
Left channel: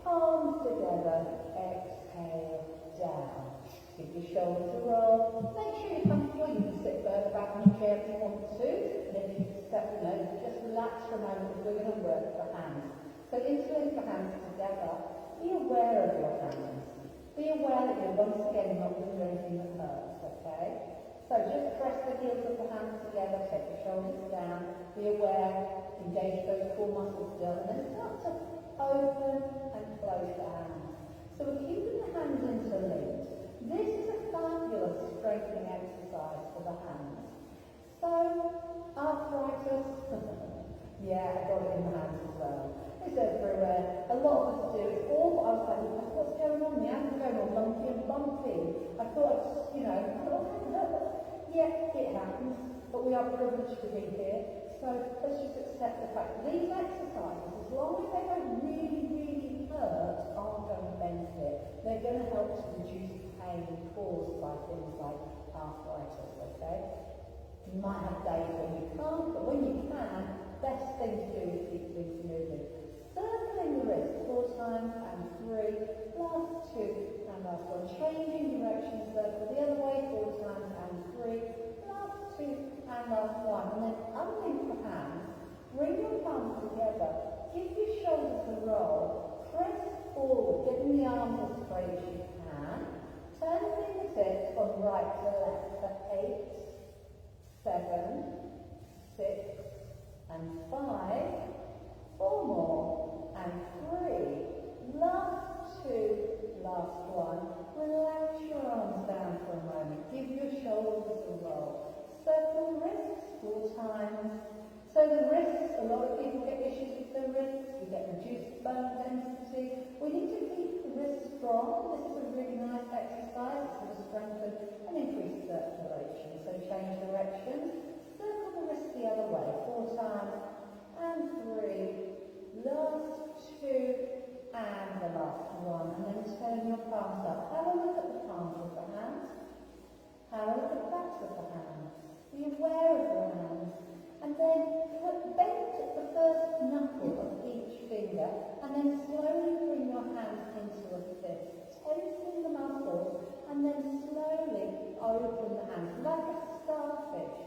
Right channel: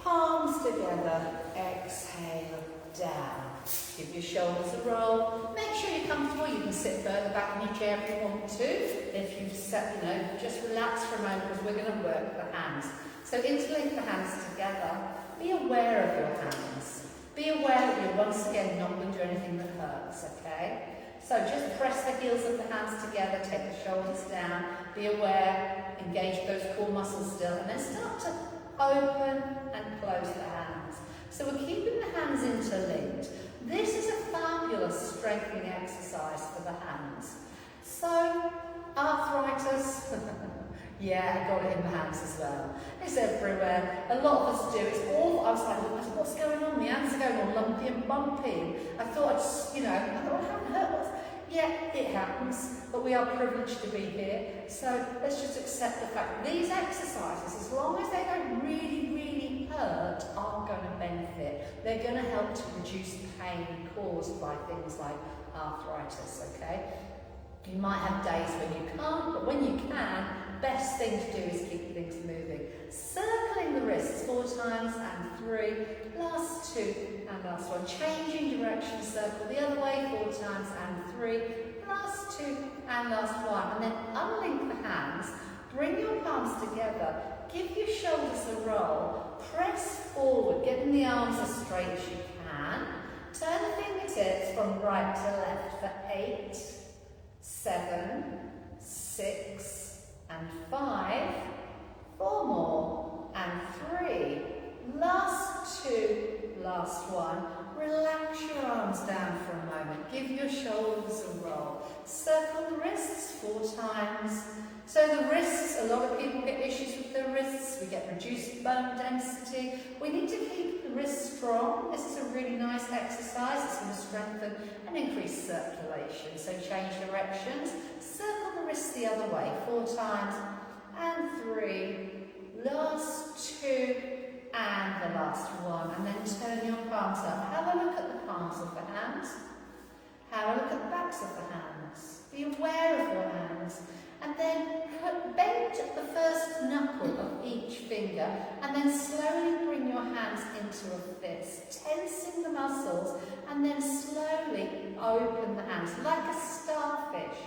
Palms together. Exhale, down. Give your shoulders a roll. Make sure you're comfortable. You can sit further back in your chair if you want to. If you've set, just relax for a moment because we're going to work the hands. So interlink the hands together. Be aware of your hands. Be aware that you're once again not going to do anything that hurts, okay? So just press the heels of the hands together, take the shoulders down, be aware, engage those core muscles still, and then start to open and close the hands. So we're keeping the hands interlinked. This is a fabulous strengthening exercise for the hands. So, arthritis, yeah, I got it in the hands as well. It's everywhere. A lot of us do. It's awful. I was like, what's going on? My hands are going all lumpy and bumpy. I thought I haven't hurt. Yeah, it happens, but we are privileged to be here. So let's just accept the fact that these exercises, as long as they don't really hurt, are going to benefit. They're going to help to reduce pain caused by things like arthritis, okay? You might have days when you can't, but when you can, best thing to do is keep things moving. Circling the wrists 4 times and 3, last 2 and last 1. Changing direction, circle the other way 4 times and 3, last 2 and last 1. And then unlink the hands, bring your palms together, give your shoulders a roll, press forward, getting the arms as straight as you can. Turn the fingertips from right to left for 8, 7, 6 and 5, 4 more and 3, last 2, last 1. Relax your arms down for a moment, give your shoulders a roll, circle the wrists 4 times. So the wrists, a lot of people get issues with their wrists, we get reduced bone density. We need to keep the wrists strong. This is a really nice exercise. It's going to strengthen and increase circulation. So change directions, circle the wrists the other way 4 times and 3, last 2 and the last 1, and then turn your palms up. Have a look at the palms of the hands. Have a look at the backs of the hands. Be aware of your hands. And then bend the first knuckle of each finger and then slowly bring your hands into a fist, tensing the muscles, and then slowly open the hands like a starfish.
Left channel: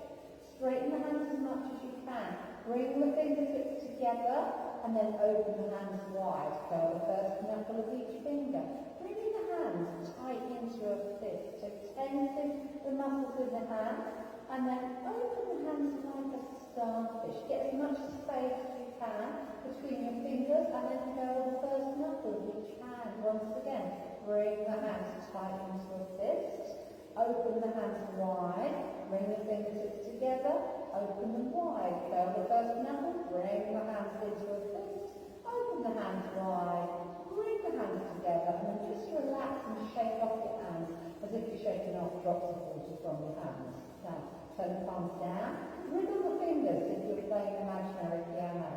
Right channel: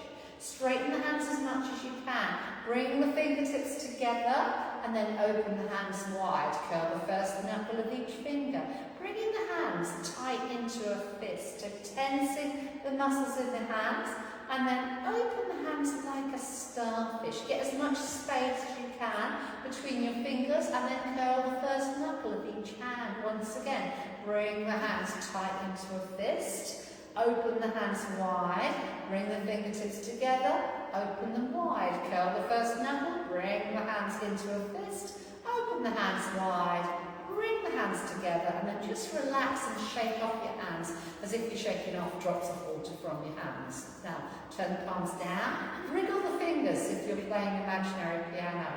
Straighten the hands as much as you can. Bring the fingertips together and then open the hands wide. Curl the first knuckle of each finger. Bringing the hands tight into a fist, tensing the muscles in the hands, and then open the hands like a starfish. Get as much space as you can between your fingers and then curl the first knuckle of each hand. Once again, bring the hands tight into a fist. Open the hands wide. Bring the fingertips together. Open them wide. Curl the first knuckle. Bring the hands into a fist. Open the hands wide. Bring the hands together and then just relax and shake off your hands as if you're shaking off drops of water from your hands. Now, turn the palms down, wriggle the fingers if you're playing imaginary piano,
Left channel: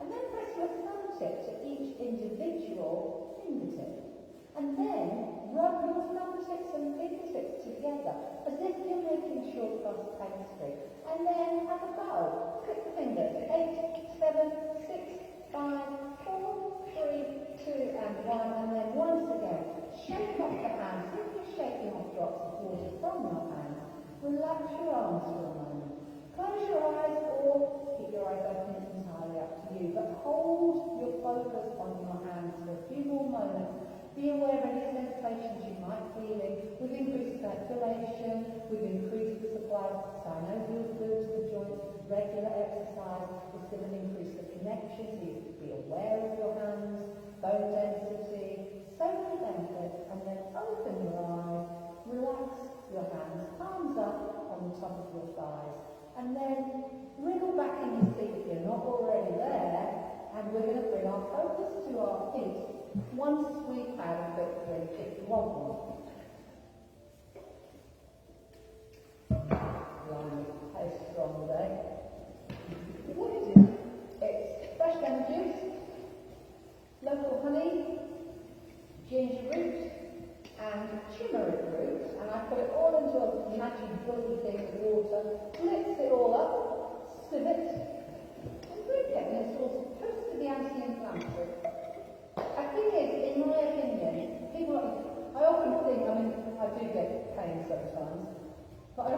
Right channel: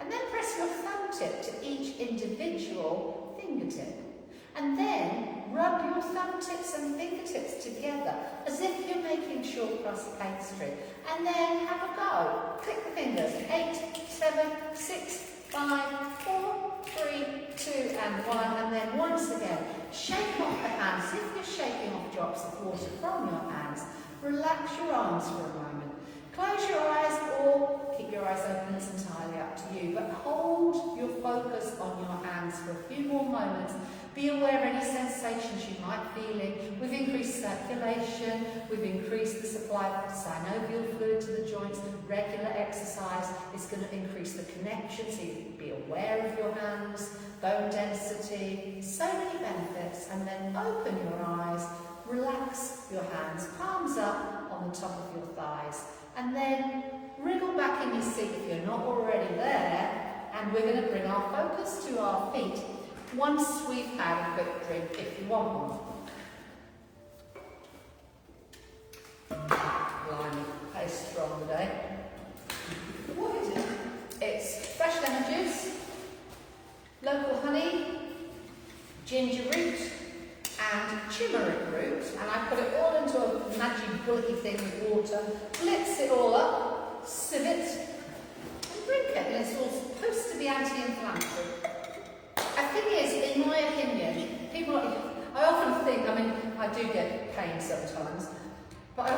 and then press your thumb tip to each individual fingertip. And then rub your thumb tips and fingertips together as if you're making short crust pastry. And then have a go. Click the fingers. 8, 7, 6, 5, 4, 3, 2 and 1, and then once again shake off the hands. If you're shaking off drops of water from your hands, relax your arms for a moment. Close your eyes or keep your eyes open, it's entirely up to you, but hold your focus on your hands for a few more moments. Be aware of any sensations you might be feeling. We've increased circulation, we've increased the supply of synovial fluid to the joints. Regular exercise is going to increase the connection, so you be aware of your hands, bone density, so many benefits. And then open your eyes, relax your hands, palms up on the top of your thighs, and then wriggle back in your seat if you're not already there, and we're going to bring our focus to our feet once we've had a quick drink, if you want one. Blimey, very strong today. What is it? It's fresh lemon juice, local honey, ginger root, and turmeric root, and I put it all into a magic bulky thing with water, blitz it all up, sieve it, and drink it, and it's all supposed to be anti-inflammatory. The thing is, in my opinion, people, I often think, I do get pain sometimes, but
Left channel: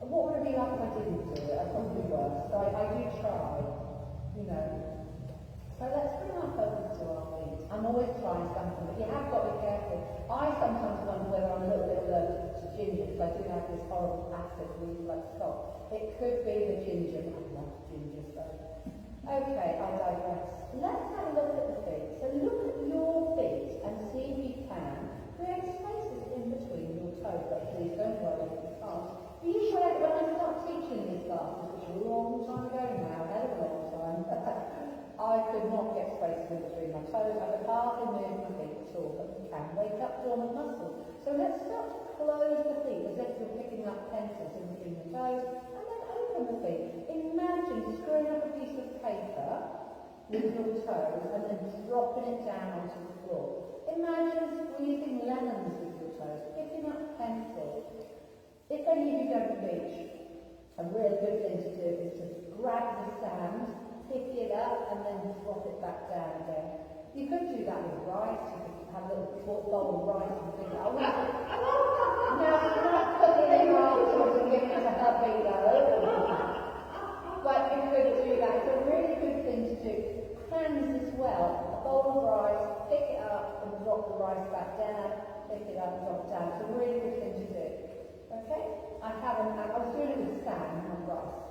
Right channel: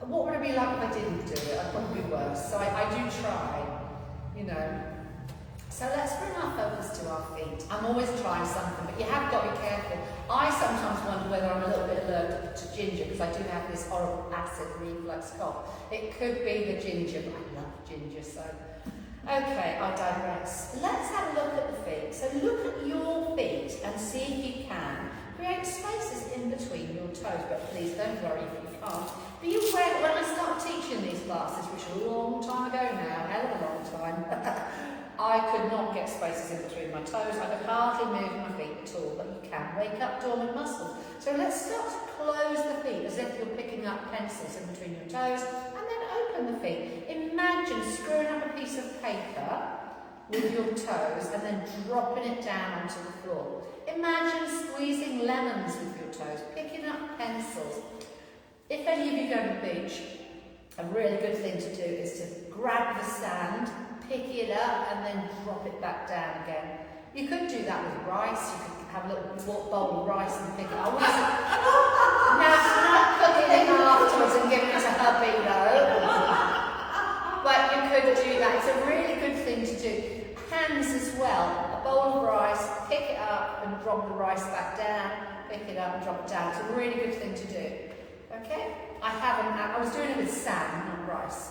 what would it be like if I didn't do it? I'd probably be worse, so I do try, you know. So let's bring our focus to our feet. I'm always trying something, but you have got to be careful. I sometimes wonder whether I'm a little bit allergic to ginger, because I do have this horrible acid reflux cough. It could be the ginger, but I love ginger, so Okay, I digress. Let's have a look at the feet. So look at your feet and see if you can create spaces in between your toes, but please don't worry if you can't. Be aware that when I start teaching these classes, which is a long time ago now, hell of a long time, I could not get spaces in between my toes. I could hardly move my feet at all, but you can wake up dormant muscles. So let's start to close the feet as if you're picking up pencils in between your toes, and then open the feet. Imagine screwing up a piece of paper with your toes and then dropping it down onto the floor. Imagine squeezing lemons with your toes, picking up pencils. If any of you go to the beach, a really good thing to do is to grab the sand, pick it up and then drop it back down again. You could do that with rice. You could have a little bowl of rice and pick it up. Now, not cooking it afterwards and giving it to hubby, though. But you could do that. It's a really good thing to do. Hands as well. A bowl of rice, pick it up and drop the rice back down. Pick it up and drop it down. It's a really good thing to do. Okay? I was doing it with sand, not rice.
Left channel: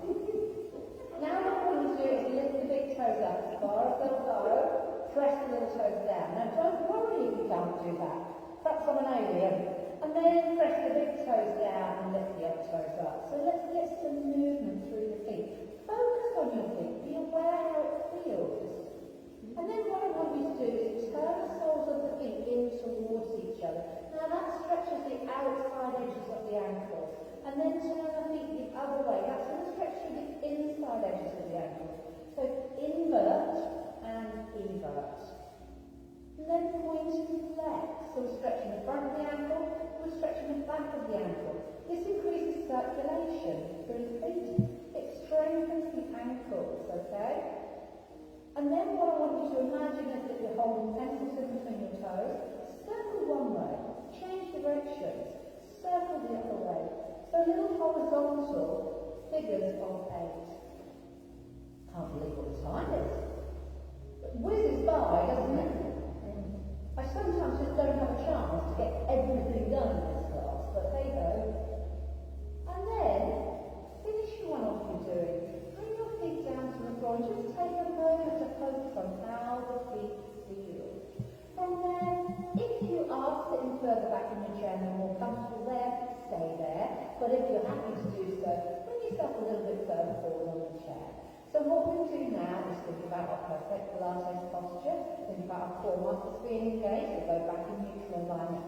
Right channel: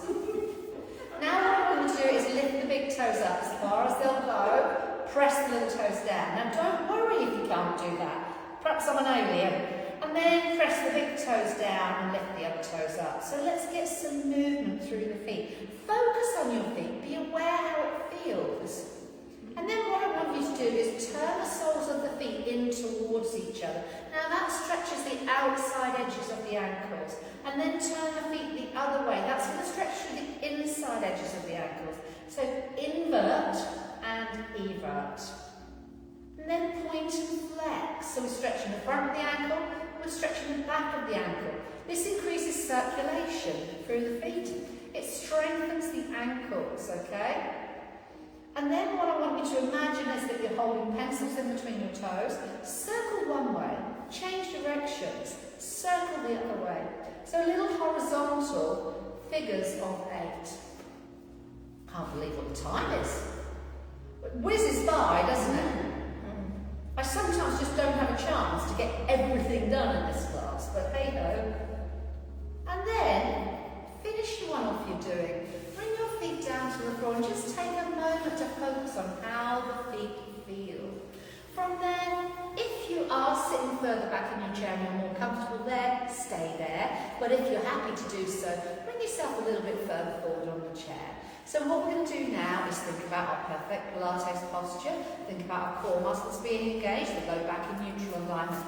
Now what I'm going to do is lift the big toes up as far as they'll go. Press the little toes down. Now don't worry if you can't do that. Perhaps I'm an alien. And then press the big toes down and lift the other toes up. So let's get some movement through the feet. Focus on your feet. Be aware how it feels. And then what I want you to do is turn the soles of the feet in towards each other. Now that stretches the outside edges of the ankles. And then turn the feet the other way. That's going to stretch through the inside edges of the ankles. So invert and evert. And then point and flex. So we're stretching the front of the ankle, we're stretching the back of the ankle. This increases circulation through the feet. It strengthens the ankles, okay? And then what I want you to imagine is that you're holding pencils in between your toes. Circle one way, change directions, circle the other way. So little horizontal figures of 8. Can't believe what the time is. It whizzes by, doesn't it? I sometimes just don't have a chance to get everything done in this class, but hey ho. And then, finish one off you're doing. Bring your feet down to the floor and just take a moment to focus on how the feet feel. From there, if you are sitting further back in your chair and you're more comfortable there, stay there. But if you're happy to do so, bring yourself a little bit further forward on the chair. So what we're going to do now is think about our perfect Pilates posture, think about our core muscles being engaged, the low back in neutral alignment.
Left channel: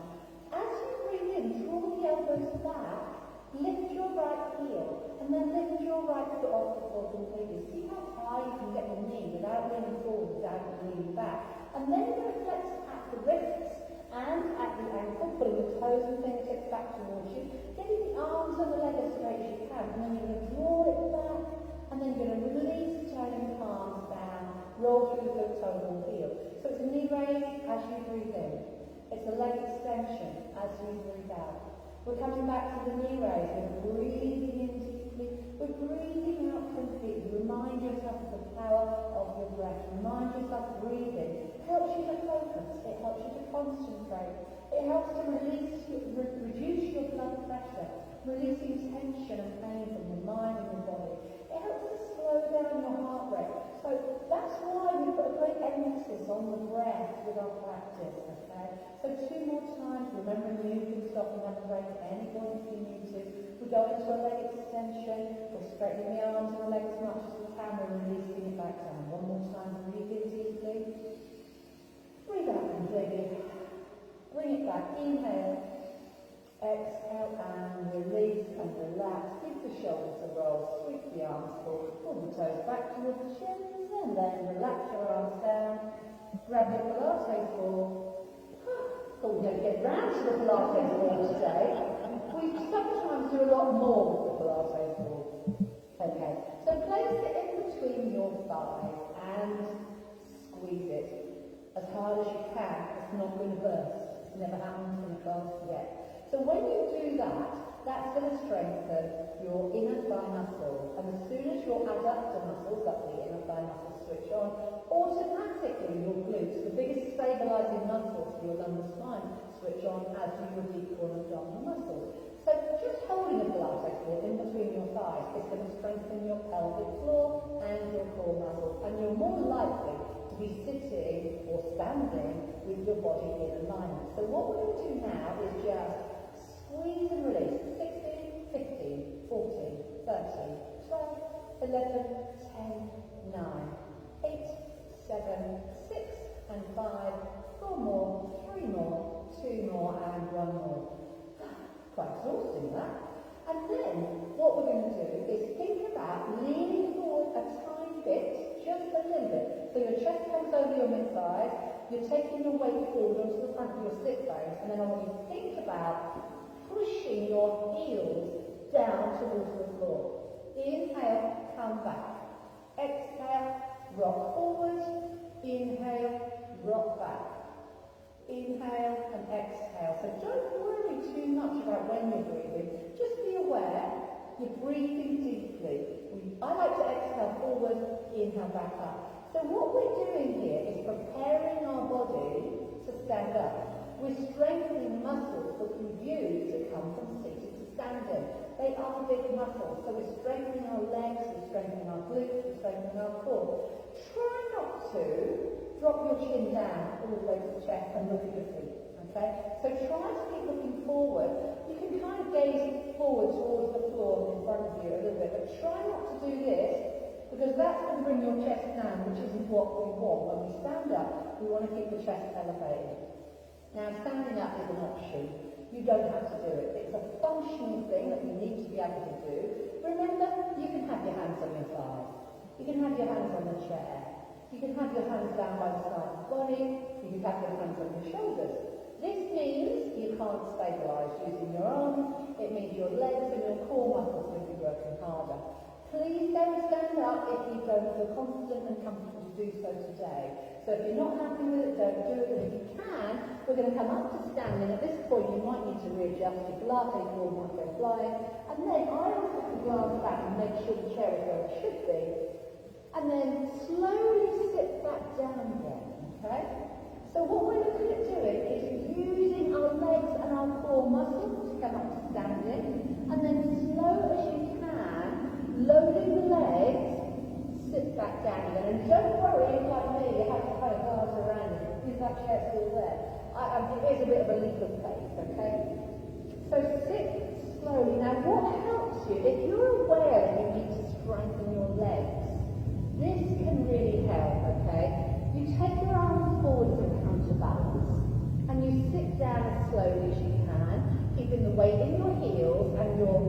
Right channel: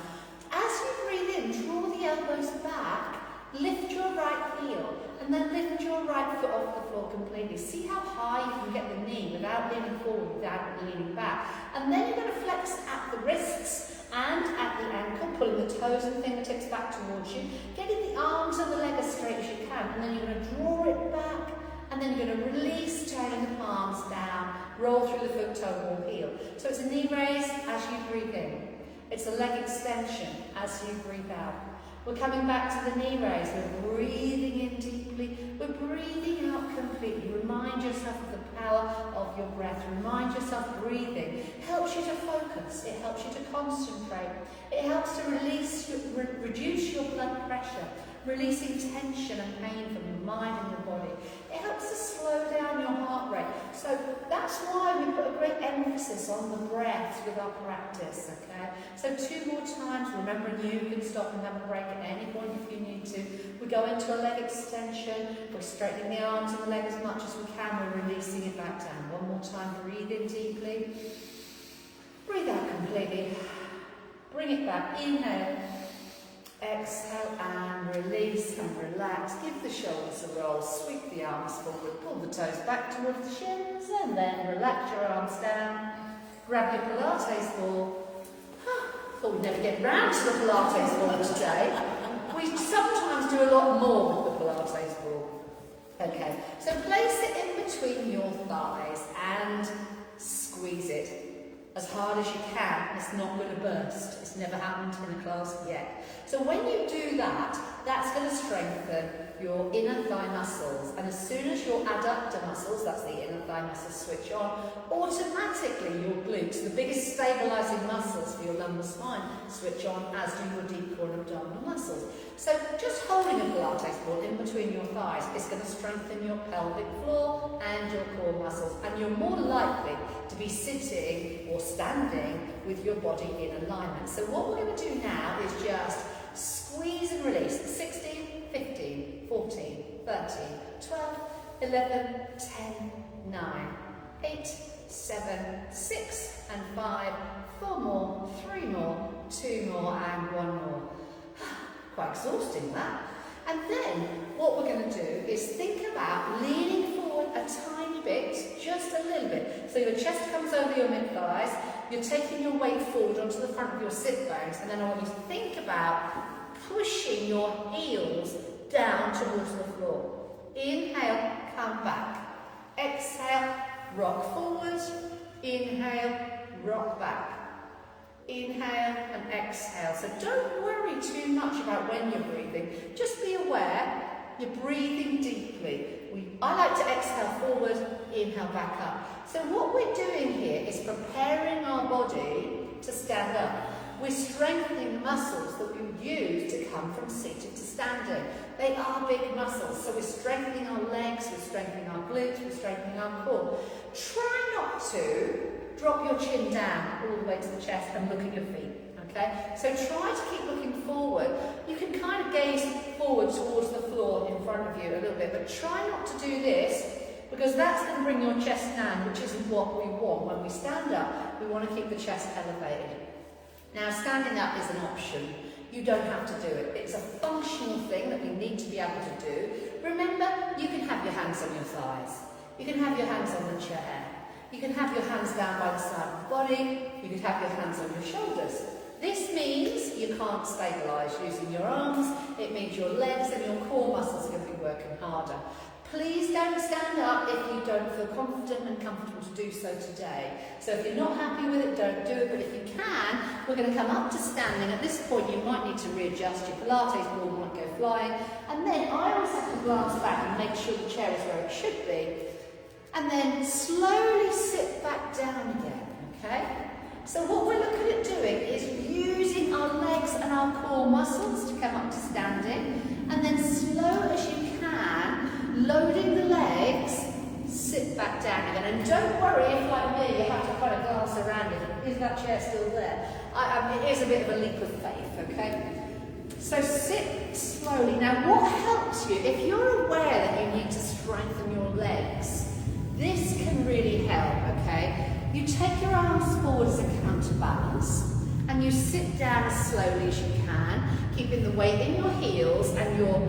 As you breathe in, draw the elbows back, lift your right heel, and then lift your right foot off the floor completely. See how high you can get the knee without leaning forward, without leaning back. And then you're going to flex at the wrists and at the ankle, pulling the toes and fingertips back towards you, getting the arms and the leg as straight as you can, and then you're going to draw it back. And then you're going to release, turning the palms down, roll through the foot, toe, ball, heel. So it's a knee raise as you breathe in. It's a leg extension as you breathe out. We're coming back to the knee raise. We're breathing in deeply. We're breathing out completely. Remind yourself of the power of your breath. Remind yourself breathing helps you to focus. It helps you to concentrate. It helps to reduce your blood pressure, releasing tension and pain from your mind and your body. It helps to slow down your heart rate. So that's why we put a great emphasis on the breath with our practice, okay? So 2 more times, remembering you can stop and have a break at any point if you need to. We go into a leg extension, we're straightening the arms and the leg as much as we can, we're releasing it back down. 1 more time, breathe in deeply. Breathe out completely. Bring it back, inhale. Exhale and release and relax. Give the shoulders a roll. Sweep the arms forward. Pull the toes back towards the shins and then relax your arms down. Grab your Pilates ball. Thought we'd never get round to the Pilates ball today. We sometimes do a lot more with the Pilates ball. Okay, so place it in between your thighs and squeeze it as hard as you can. It's not going to burst. It's never happened in a class yet. So when you do that, that's going to strengthen your inner thigh muscles. And as soon as your adductor muscles, that's the inner thigh muscles, switch on, automatically your glutes, the biggest stabilising muscles for your lumbar spine, switch on, as do your deep core and abdominal muscles. So just holding a Pilates ball in between your thighs is going to strengthen your pelvic floor and your core muscles. And you're more likely to be sitting or standing with your body in alignment. So what we're going to do now is just squeeze and release. 16, 15, 14, 13, 12, 11, 10, 9, 8, 7, 6 and 5, 4 more, 3 more, 2 more and 1 more. Quite exhausting that. And then what we're going to do is think about leaning forward a tiny bit, just a little bit. So your chest comes over your mid-thighs, you're taking your weight forward onto the front of your sit bones, and then I want you to think about pushing your heels down towards the floor. Inhale, come back. Exhale, rock forward. Inhale, rock back. Inhale and exhale. So don't worry too much about when you're breathing. Just be aware you're breathing deeply. I like to exhale forward, inhale back up. So what we're doing here is preparing our body to stand up. We're strengthening the muscles that we use to come from seated to standing. They are big muscles, so we're strengthening our legs, we're strengthening our glutes, we're strengthening our core. Try not to drop your chin down all the way to the chest and look at your feet, okay? So try to keep looking forward. You can kind of gaze forward towards the floor in front of you a little bit, but try not to do this because that's going to bring your chest down, which isn't what we want. When we stand up, we want to keep the chest elevated. Now, standing up is an option. You don't have to do it. It's a functional thing that we need to be able to do. Remember, you can have your hands on your thighs. You can have your hands on the chair. You can have your hands down by the side of the body. You can have your hands on your shoulders. This means you can't stabilise using your arms. It means your legs and your core muscles are going to be working harder. Please don't stand up if you don't feel confident and comfortable to do so today. So if you're not happy with it, don't do it. But if you can, we're going to come up to standing. At this point, you might need to readjust. Your Pilates ball might go flying. And then I always have to glance back and make sure the chair is where it should be. And then slowly sit back down again, okay? So what we're looking at doing is using our legs and our core muscles to come up to standing. And then slow as you can, loading the legs, sit back down again. And don't worry if, like me, you have to kind of glance around it. Is that chair still there? It is a bit of a leap of faith, okay? So sit slowly. Now what helps you, if you're aware that you need to strengthen your legs, this can really help, okay? You take your arms forward as a counterbalance and you sit down as slowly as you can, keeping the weight in your heels and your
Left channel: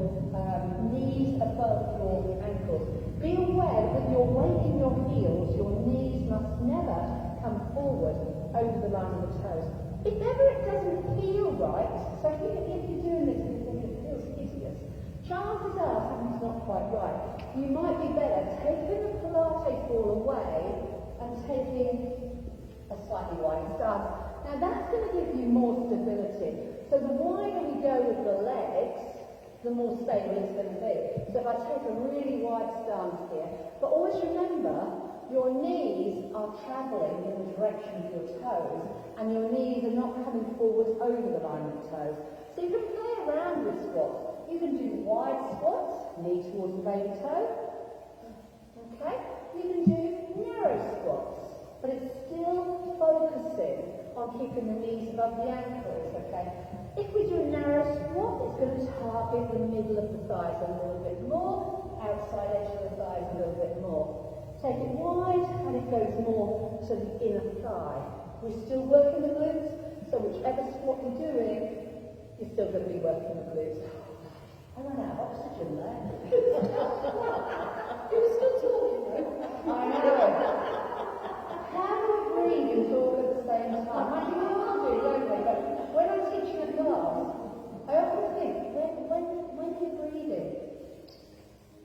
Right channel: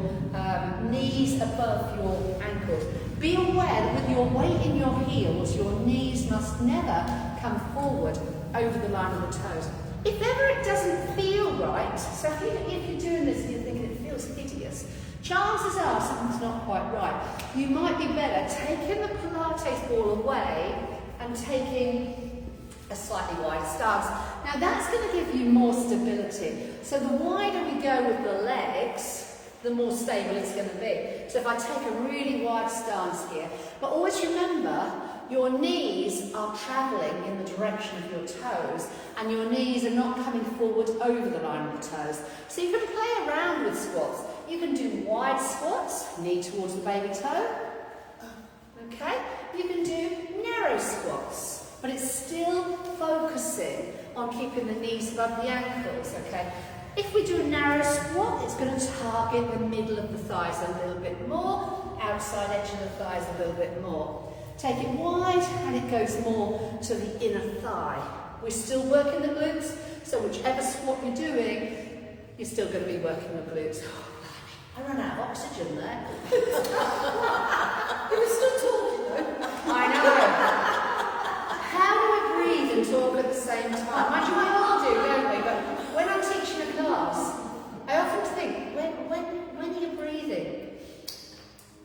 knees above your ankles. Be aware that with your weight in your heels, your knees must never come forward over the line of the toes. If ever it doesn't feel right, so if you're doing this and you're thinking it feels hideous, chances are something's not quite right. You might be better taking the Pilates ball away and taking a slightly wider stance. Now that's going to give you more stability. So the wider we go with the legs, the more stable it's going to be. So if I take a really wide stance here, but always remember, your knees are travelling in the direction of your toes, and your knees are not coming forward over the line of the toes. So you can play around with squats. You can do wide squats, knee towards the baby toe. Okay? You can do narrow squats, but it's still focusing on keeping the knees above the ankles, okay? If we do a narrow squat, it's going to target the middle of the thighs a little bit more, outside edge of the thighs a little bit more. Take it wide and it goes more to the inner thigh. We're still working the glutes, so whichever squat you're doing, you're still going to be working the glutes. I ran out of oxygen there. You were still talking though. I know. How do we breathe and talk at the same time? Mind you, we all do, don't we? But when I'm teaching a class, I often think, when are you breathing?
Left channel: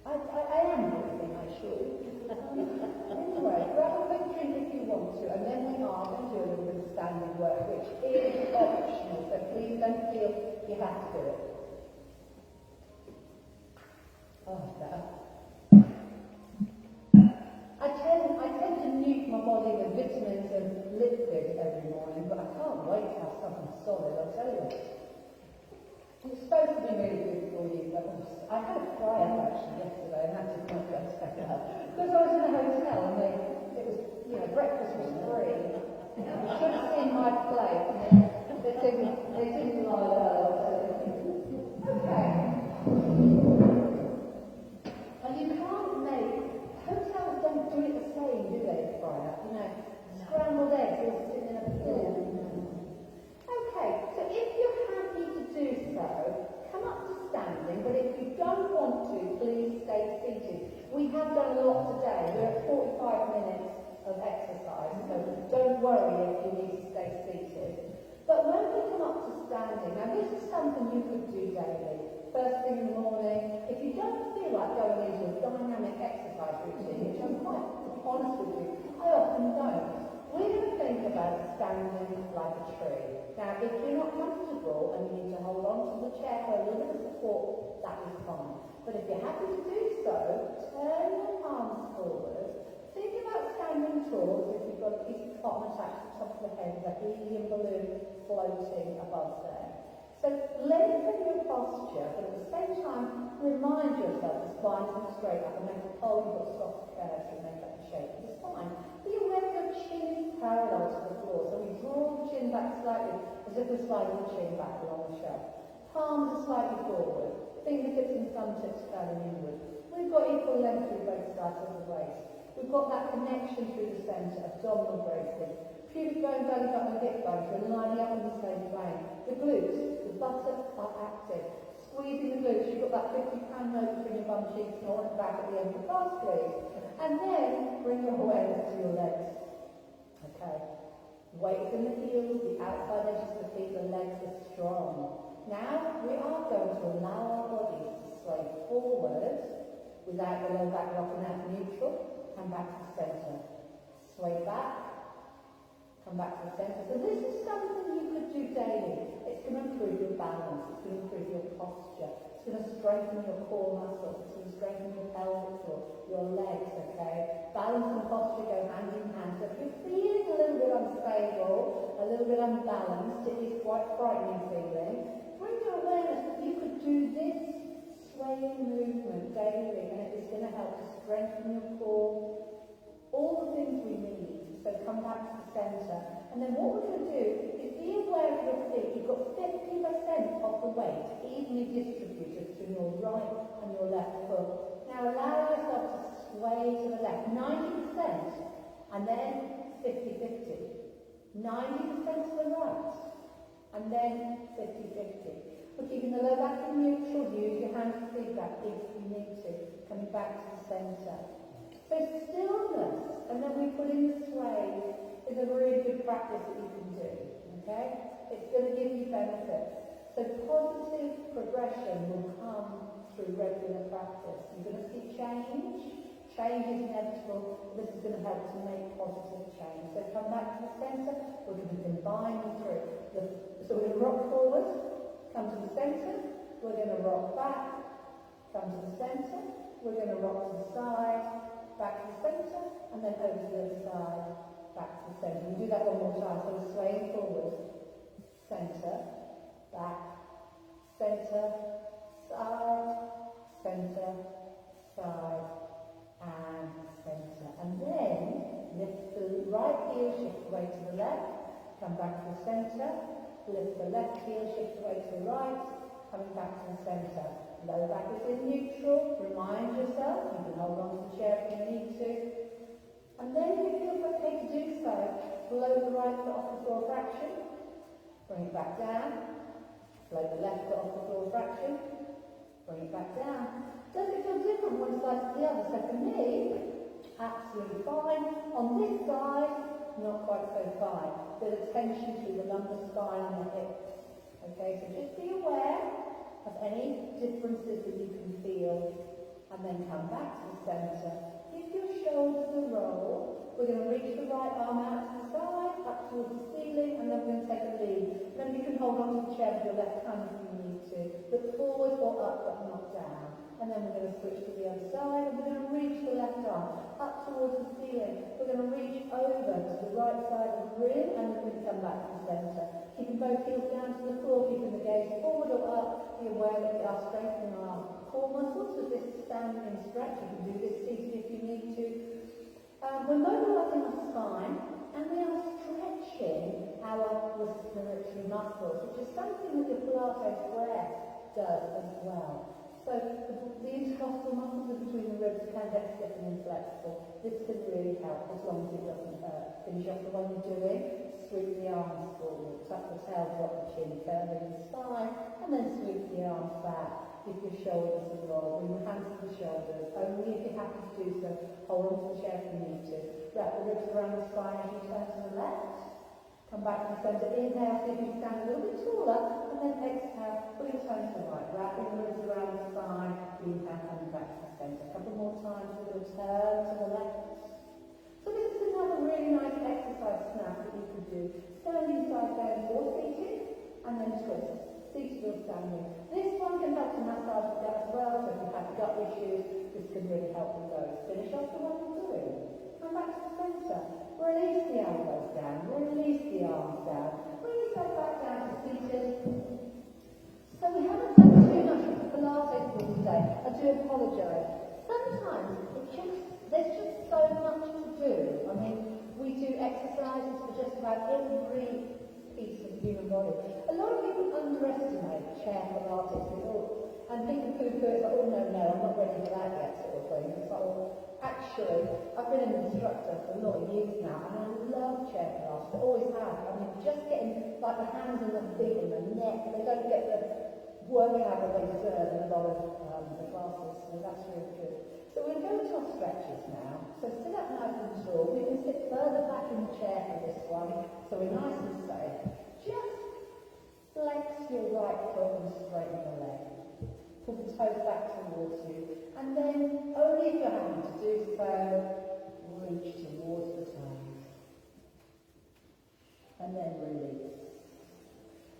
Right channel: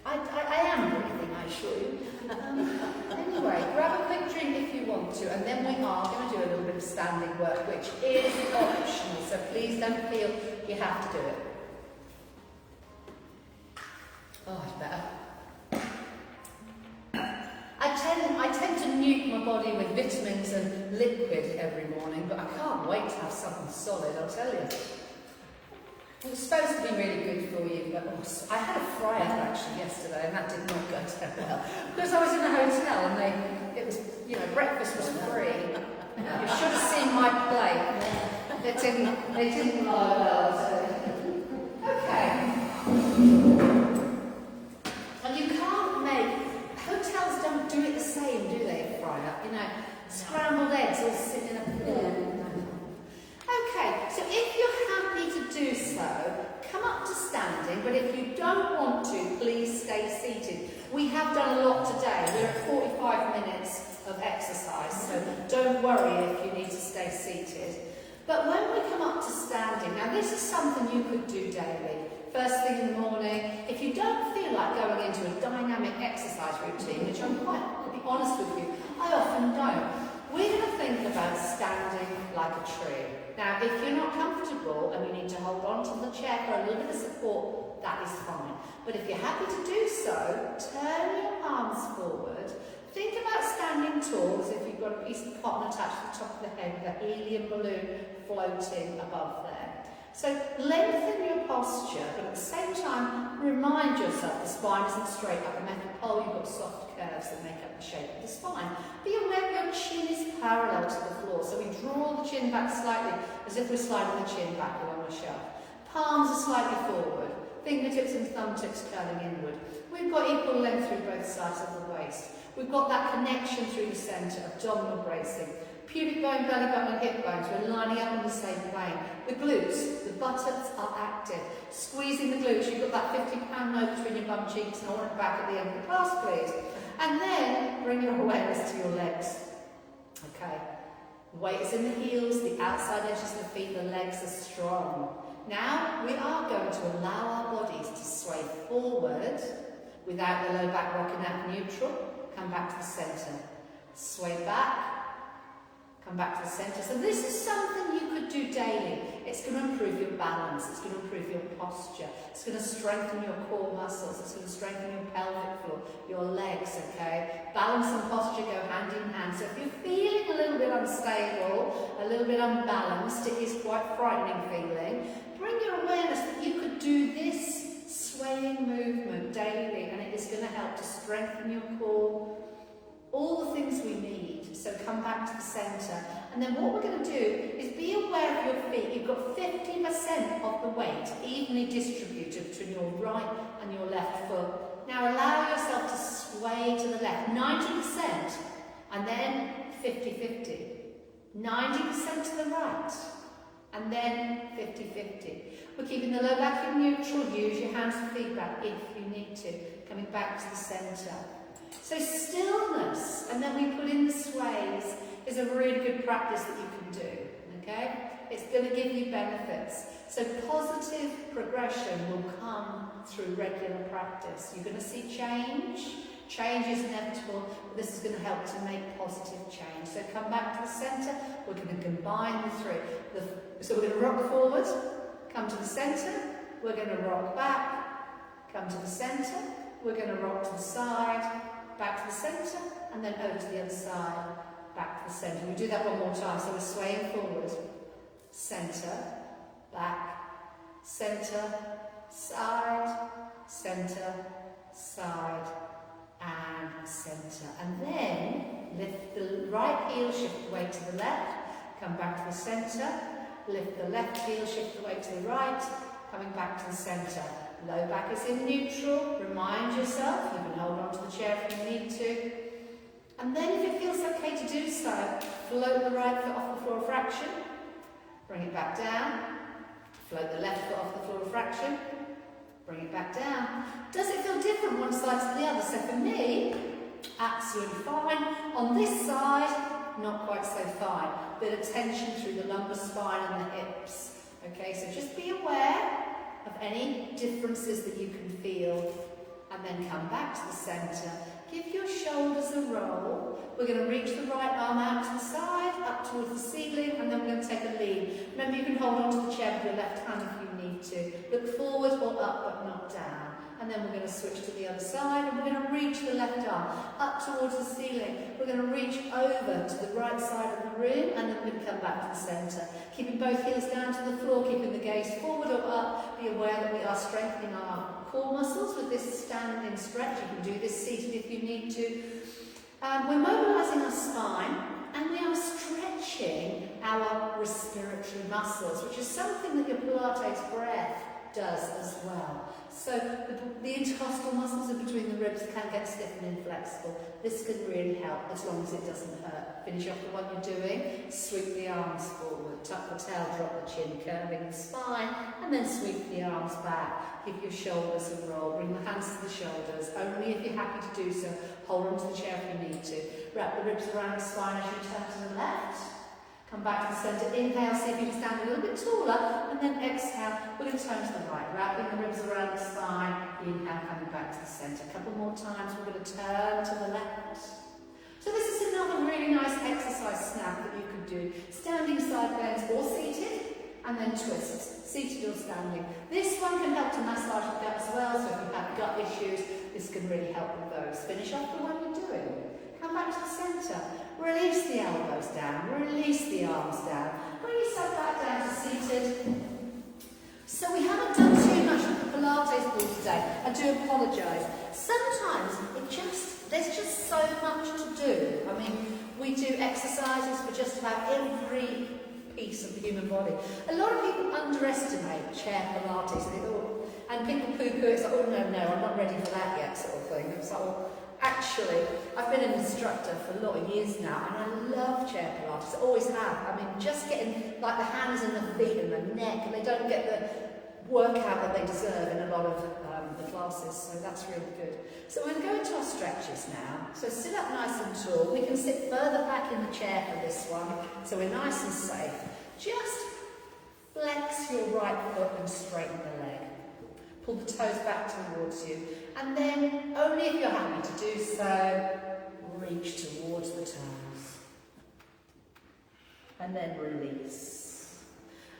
I am breathing, I assure you. Anyway, grab a quick drink if you want to, and then we are going to do a little bit of standing work, which is optional, so please don't feel you have to do it. Oh, it's better. I tend to nuke my body with vitamins and liquid every morning, but I can't wait to have something solid, I'll tell you. It was supposed to be really good for you, but I had a fry-up actually yesterday, and that did not go so well. Because I was in a hotel, and breakfast was free. You should have seen my plate. It didn't lie well. Okay. And you can't hotels don't do it the same, do they, Freya? Scrambled eggs all sitting in a pool. Okay, so if you're happy to do so, come up to standing, but if you don't want to, please stay seated. We have done a lot today. We're at 45 minutes of exercise, so don't worry if you need to stay seated. But when we come up to standing, now this is something you could do daily. First thing in the morning, if you don't feel like going into a dynamic exercise routine, which I'm quite, to be honest with you, I often don't, we're going to think about standing like a tree. Now, if you're not comfortable and you need to hold on to the chair for a little bit of support, that is fine. But if you're happy to do so, turn your arms forward. Think about standing tall, as if you've got a piece of cotton attached to the top of the head with a helium balloon floating above there. So lengthen your posture, but at the same time, remind yourself the spine isn't straight like a metal pole. You've got soft curves that make up the shape of the spine. Be aware your chin is parallel to the floor, so we draw the chin back slightly, as if we're sliding the chin back along the shelf. Palms are slightly forward, fingertips and thumb tips curling inward. We've got equal length through both sides of the waist. We've got that connection through the centre, abdominal bracing. Pubic bone, belly button and hip bones, we're lining up in the same plane. The glutes, the buttocks are active. Squeezing the glutes, you've got that 50-pound note between your bum cheeks and I want it back at the end of the class, please. And then bring your awareness to your legs. Okay, weight is in the heels, the outside edges of the feet, the legs are strong. Now we are going to allow our bodies to sway forward without the low back rocking out neutral. Come back to the centre. Sway back. Come back to the centre. So this is something you could do daily. It's going to improve your balance. It's going to improve your posture. It's going to strengthen your core muscles. It's going to strengthen your pelvic floor, your legs, okay? Balance and posture go hand in hand. So if you're feeling a little bit unstable, a little bit unbalanced, it is quite frightening feeling, bring your awareness that you could do this swaying movement daily and it is going to help to strengthen your core, all the things we need. So come back to the centre. And then what we're going to do is be aware of your feet. You've got 50% of the weight evenly distributed between your right and your left foot. Now allow yourself to sway to the left, 90%, and then 50-50. 90% to the right, and then 50-50. We're keeping the low back in neutral. Use your hands for feedback if you need to. Coming back to the centre. So stillness, and then we put in the sways, is a really good practice that you can do, okay? It's going to give you benefits. So positive progression will come through regular practice. You're going to see change. Change is inevitable, but this is going to help to make positive change. So come back to the centre. We're going to combine the three. So we're going to rock forward, come to the centre. We're going to rock back, come to the centre. We're going to rock to the side, back to the centre, and then over to the other side, back to the centre. We do that one more time. So we're swaying forward, centre, back, centre, side, centre, side, and centre. And then lift the right heel, shift the weight to the left, come back to the centre, lift the left heel, shift the weight to the right, coming back to the centre. Low back is in neutral. Remind yourself, you can hold on to the chair if you need to. And then if it feels okay to do so, float the right foot off the floor a fraction, bring it back down, float the left foot off the floor a fraction, bring it back down. Does it feel different one side to the other? So for me, absolutely fine. On this side, not quite so fine. Bit of tension through the lumbar spine and the hips. Okay, so just be aware of any differences that you can feel, and then come back to the centre. Give your shoulders a roll. We're going to reach the right arm out to the side, up towards the ceiling, and then we're going to take a lean. Remember, you can hold on to the chair with your left hand if you need to. Look forward or up, but not down. And then we're going to switch to the other side, and we're going to reach the left arm up towards the ceiling. We're going to reach over to the right side of the room, and then we're going to come back to the centre. Keeping both heels down to the floor, keeping the gaze forward or up. Be aware that we are strengthening our core muscles with this standing stretch. You can do this seated if you need to. We're mobilising our spine and we are stretching our respiratory muscles, which is something that your Pilates breath does as well. So the intercostal muscles in between the ribs can get stiff and inflexible. This can really help as long as it doesn't hurt. Finish off the one you're doing, sweep the arms forward, tuck the tail, drop the chin, curving the spine, and then sweep the arms back. Give your shoulders a roll, bring the hands to the shoulders, only if you're happy to do so. Hold on to the chair if you need to. Wrap the ribs around the spine as you turn to the left. Come back to the centre, inhale, see if you can stand a little bit taller, and then exhale, we're going to turn to the right, wrapping the ribs around the spine, inhale, coming back to the centre. A couple more times, we're going to turn to the left. So this is another really nice exercise snap that you could do, standing side bends or seated, and then twist, seated or standing. This one can help to massage the gut as well, so if you have gut issues, this can really help with those. Finish off the one you're doing. Come back to the centre. Release the elbows down, release the arms down, bring yourself back down to seated. So we haven't done too much of the Pilates ball today. I do apologise. Sometimes there's just so much to do. I mean, we do exercises for just about every piece of the human body. A lot of people underestimate chair Pilates and people poo-poo it. It's like, oh no, I'm not ready for that yet, sort of thing. It's like, well, actually, I've been an instructor for a lot of years now, and I love chair Pilates. I always have. I mean, just getting like the hands and the feet and the neck, and they don't get the workout that they deserve in a lot of the classes, so that's really good. So we're going to go into our stretches now. So sit up nice and tall. We can sit further back in the chair for this one, so we're nice and safe. Just flex your right foot and straighten the leg. Pull the toes back towards you, and then, only if you're happy to do so, reach towards the toes. And then release.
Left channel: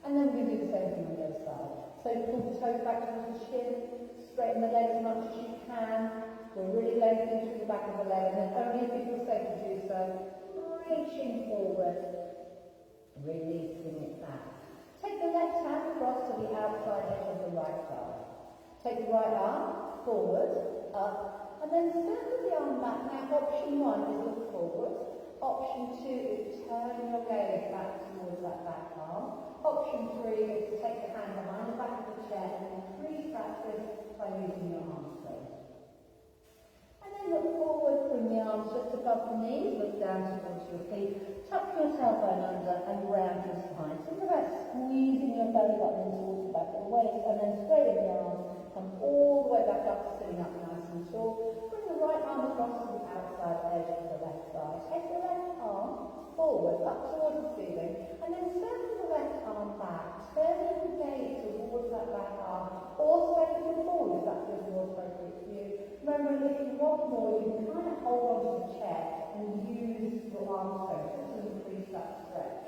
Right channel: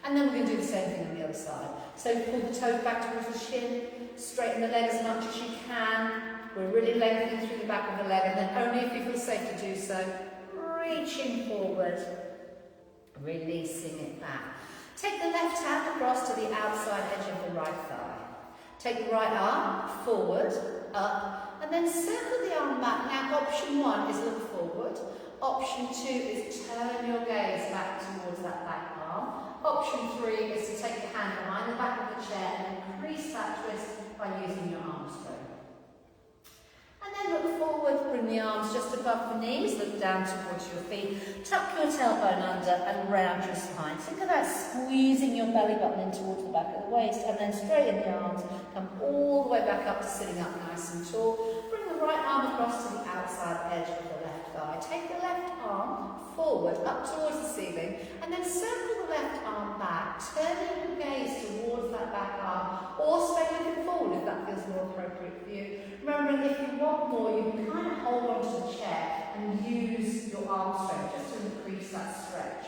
And then we're going to do the same thing on the other side. So pull the toes back towards the shin, straighten the leg as much as you can. We're really lengthening through the back of the leg, and then only if you feel safe to do so, reaching forward, releasing it back. Take the left hand across to the outside edge of the right thigh. Take the right arm forward, up, and then circle the arm back. Now, option one is look forward. Option two is turn your gaze back towards that back arm. Option three is to take the hand behind the back of the chair and increase that twist by using your arm strength. And then look forward, bring the arms just above the knees, look down towards your feet, tuck your tailbone under and round your spine. Think about squeezing your belly button in towards the back of the waist, and then straighten the arms, come all the way back up to sitting up nice and tall. Bring the right arm across to the outside edge of the left thigh. Take the left arm forward, up towards the ceiling, and then circle the left arm back, turning your gaze towards that back arm, or stay looking forward if that feels more appropriate for you. Remembering, if you want more, you can kind of hold on to the chair and use your arm strength just to increase that stretch.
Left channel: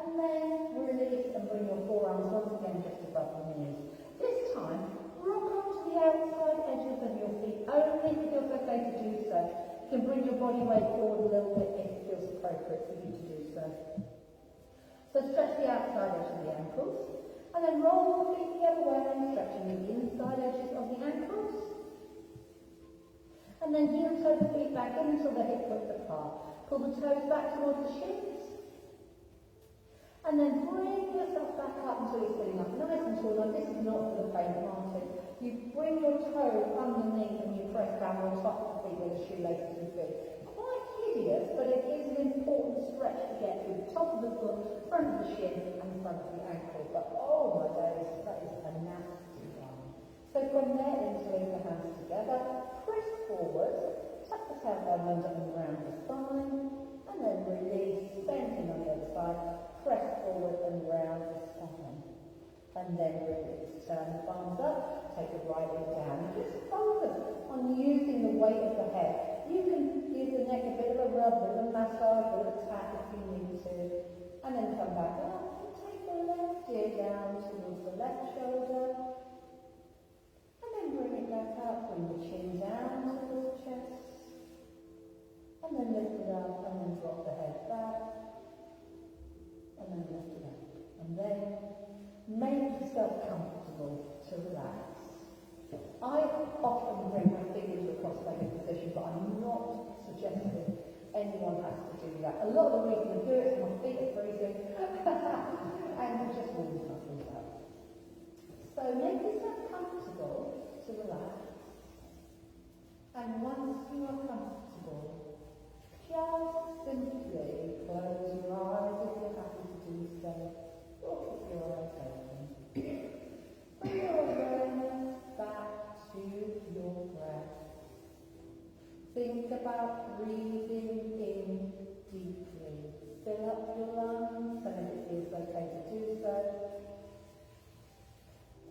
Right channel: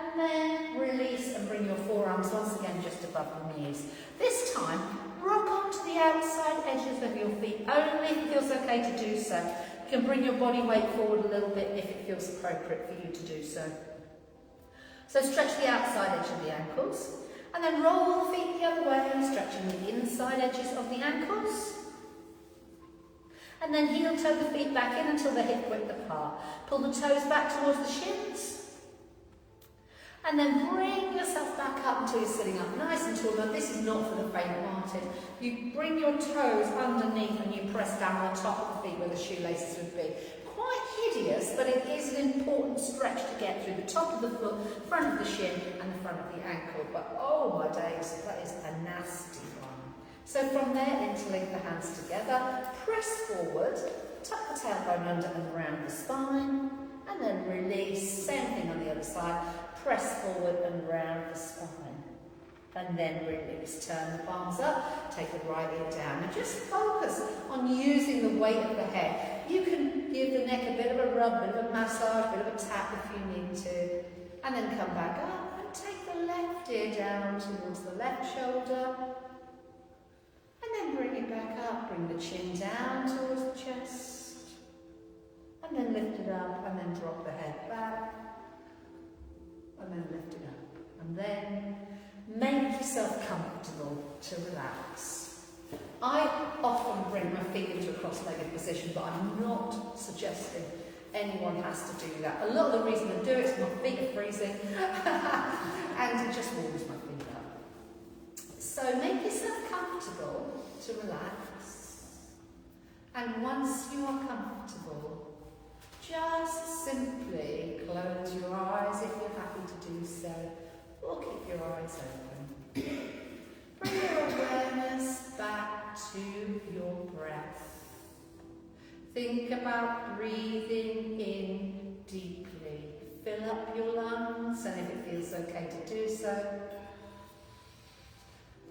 And then release and bring your forearms once again just above the knees. This time, rock onto the outside edges of your feet, only if it feels okay to do so. You can bring your body weight forward a little bit if it feels appropriate for you to do so. So stretch the outside edge of the ankles, and then roll the feet the other way, stretching the inside edges of the ankles. And then heel toe the feet back in until they're hip width apart. Pull the toes back towards the shins. And then bring yourself back up until you're sitting up nice and tall. Now this is not for the faint-hearted. You bring your toes underneath and you press down on top of the feet where the shoelaces would be. Quite hideous, but it is an important stretch to get through the top of the foot, front of the shin and the front of the ankle. But oh my days, that is a nasty one. So from there, interlink the hands together, press forward, tuck the tailbone under and around the spine, and then release. Same thing on the other side. Press forward and round the spine. And then release. Turn the palms up, take the right leg down. And just focus on using the weight of the head. You can give the neck a bit of a rub, a bit of a massage, a bit of a tap if you need to. And then come back up and take the left ear down towards the left shoulder. And then bring it back up. Bring the chin down towards the chest. And then lift it up and then drop the head back. And then lift it up. And then make yourself comfortable to relax. I often bring my feet into a cross-legged position, but I'm not suggesting anyone has to do that. A lot of the reason I do it is my feet are freezing and it just warms my feet up. So make yourself comfortable to relax. And once you are comfortable, just simply close your eyes if you're happy to do so, or keep your eyes open. Bring your awareness back to your breath. Think about breathing in deeply. Fill up your lungs, and if it feels okay to do so,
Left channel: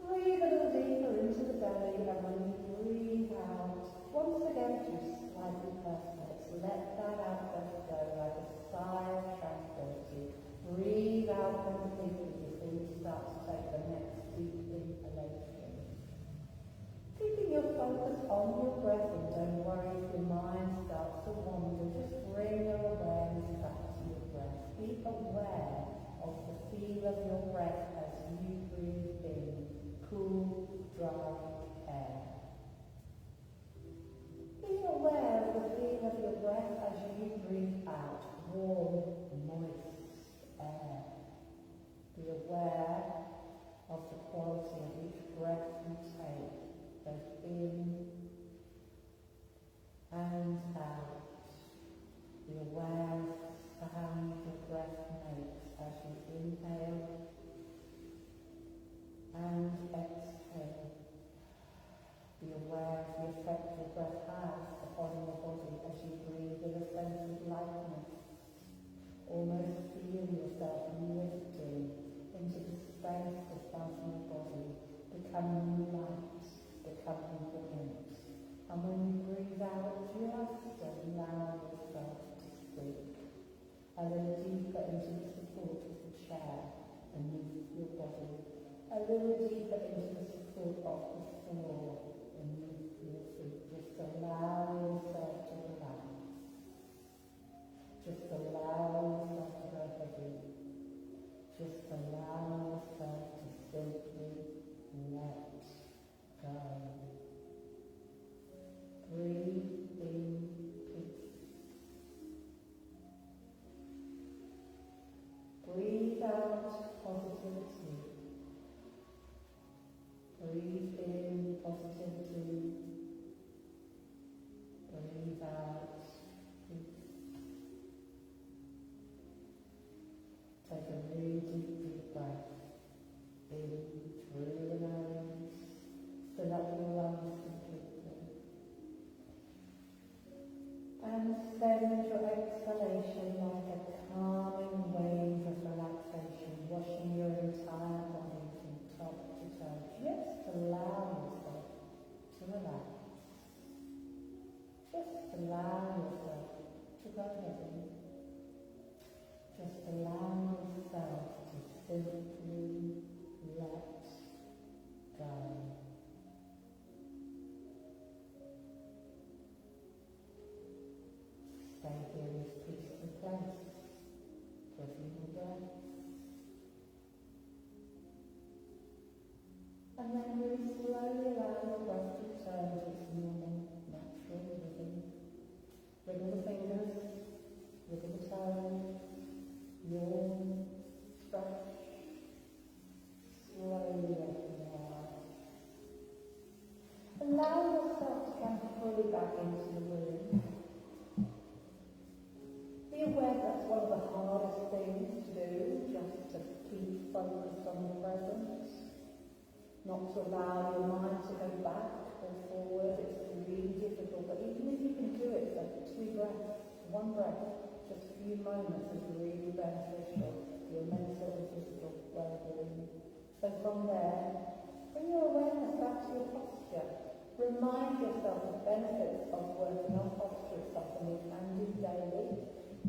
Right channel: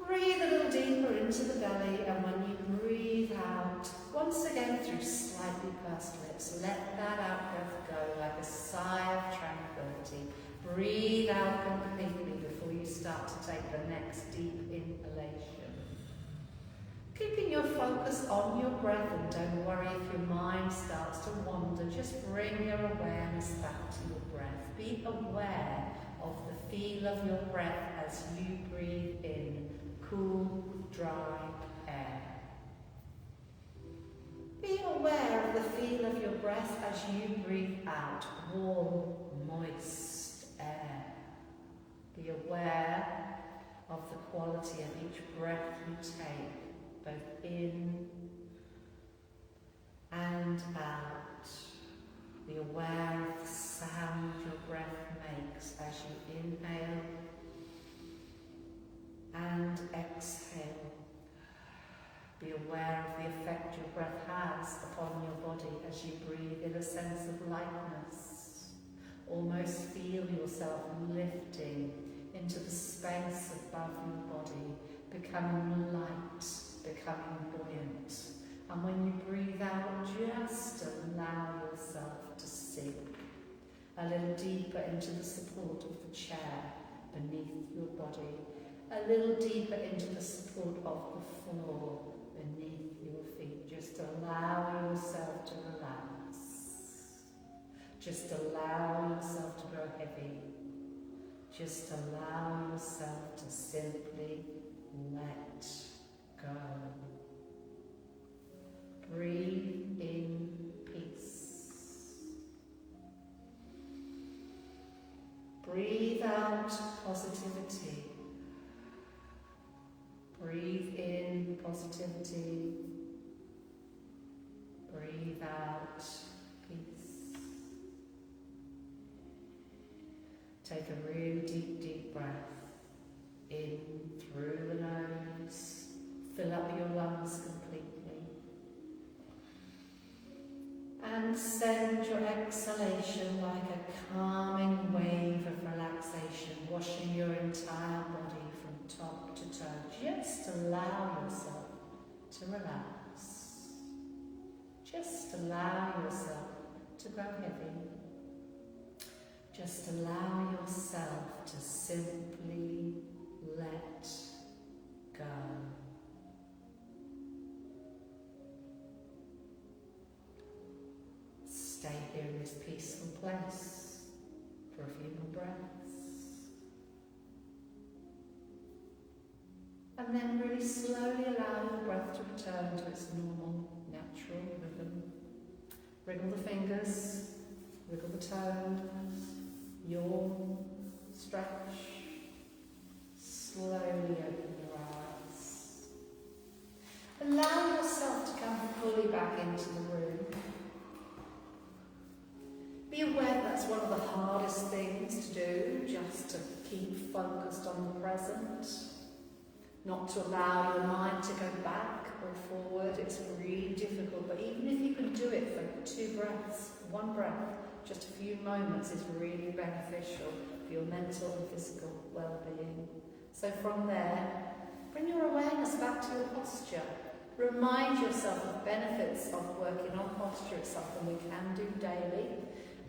breathe a little deeper into the belly, and when you breathe out, once again through slightly pursed lips, let that out-breath go like a sigh of tranquility. Breathe out completely before you start to take the next deep inhalation. Keeping your focus on your breath, and don't worry if your mind starts to wander, just bring your awareness back to your breath. Be aware of the feel of your breath as you breathe in cool, dry air. Be aware of the feel of your breath as you breathe out warm, moist air. Be aware of the quality of each breath you take, both in and out. Be aware of the sound your breath makes as you inhale and exhale. Be aware of the effect your breath has upon your body as you breathe in a sense of lightness. Almost feel yourself lifting into the space above your body, becoming light, becoming buoyant. And when you breathe out, just allow yourself to sink a little deeper into the support of the chair beneath your body, a little deeper into the support of the floor beneath your feet. Just allow yourself to relax. Just allow yourself to grow heavy. Just allow yourself to simply let go. Breathe in peace. Breathe out positivity. Breathe in positivity. Breathe out peace. Take a really deep breath in through the nose. Fill up your lungs completely. And send your exhalation like a calming wave of relaxation, washing your entire body from top to toe. Just allow yourself to relax. Just allow yourself to grow heavy. Just allow yourself to simply let go. Stay here in this peaceful place for a few more breaths. And then really slowly allow your breath to return to its normal, natural rhythm. Wriggle the fingers, wiggle the toes, yawn, stretch. Slowly open your eyes. Allow yourself to come fully back into the room. Be aware that's one of the hardest things to do, just to keep focused on the present. Not to allow your mind to go back or forward. It's really difficult, but even if you can do it for 2 breaths, 1 breath, just a few moments is really beneficial for your mental and physical well-being. So from there, bring your awareness back to your posture. Remind yourself of benefits of working on posture. It's something we can do daily.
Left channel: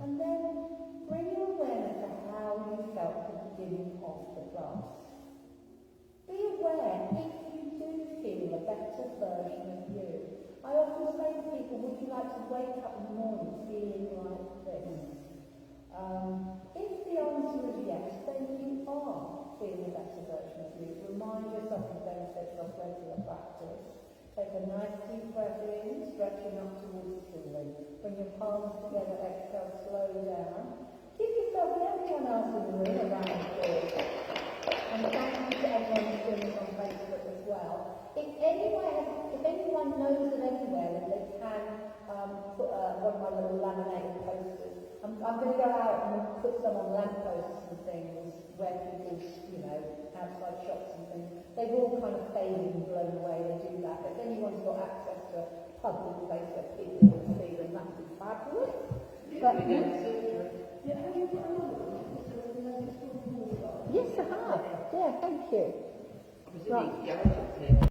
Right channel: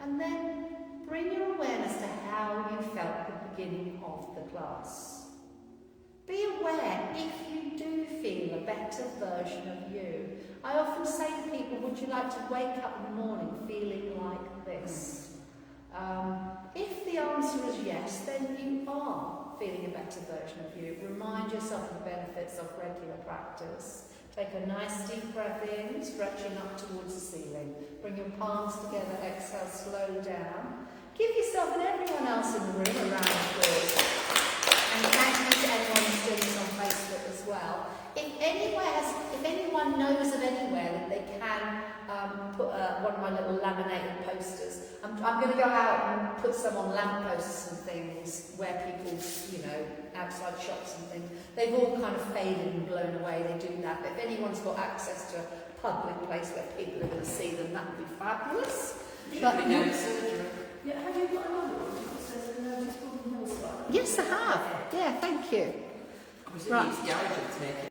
And then bring your awareness to how you felt at the beginning of the class. Be aware if you do feel a better version of you. I often say to people, would you like to wake up in the morning feeling like this? If the answer is yes, then you are feeling a better version of you. Remind yourself of the benefits of regular practice. Take a nice deep breath in, stretching up towards the ceiling. Bring your palms together, exhale, slow down. Give yourself and everyone else in the room a round of applause. And thank you to anyone who's doing this on Facebook as well. If anyone knows of anywhere that they can put one of my little laminated posters, I'm going to go out and put some on lampposts and things where people, outside shops and things. They've all kind of faded and blown away. They do that. But if anyone's got access to a public place where people are going to see them, that would be fabulous. Yeah, have you got another one that says a notice board on your side? Yes, I have. Yeah, thank you. Right.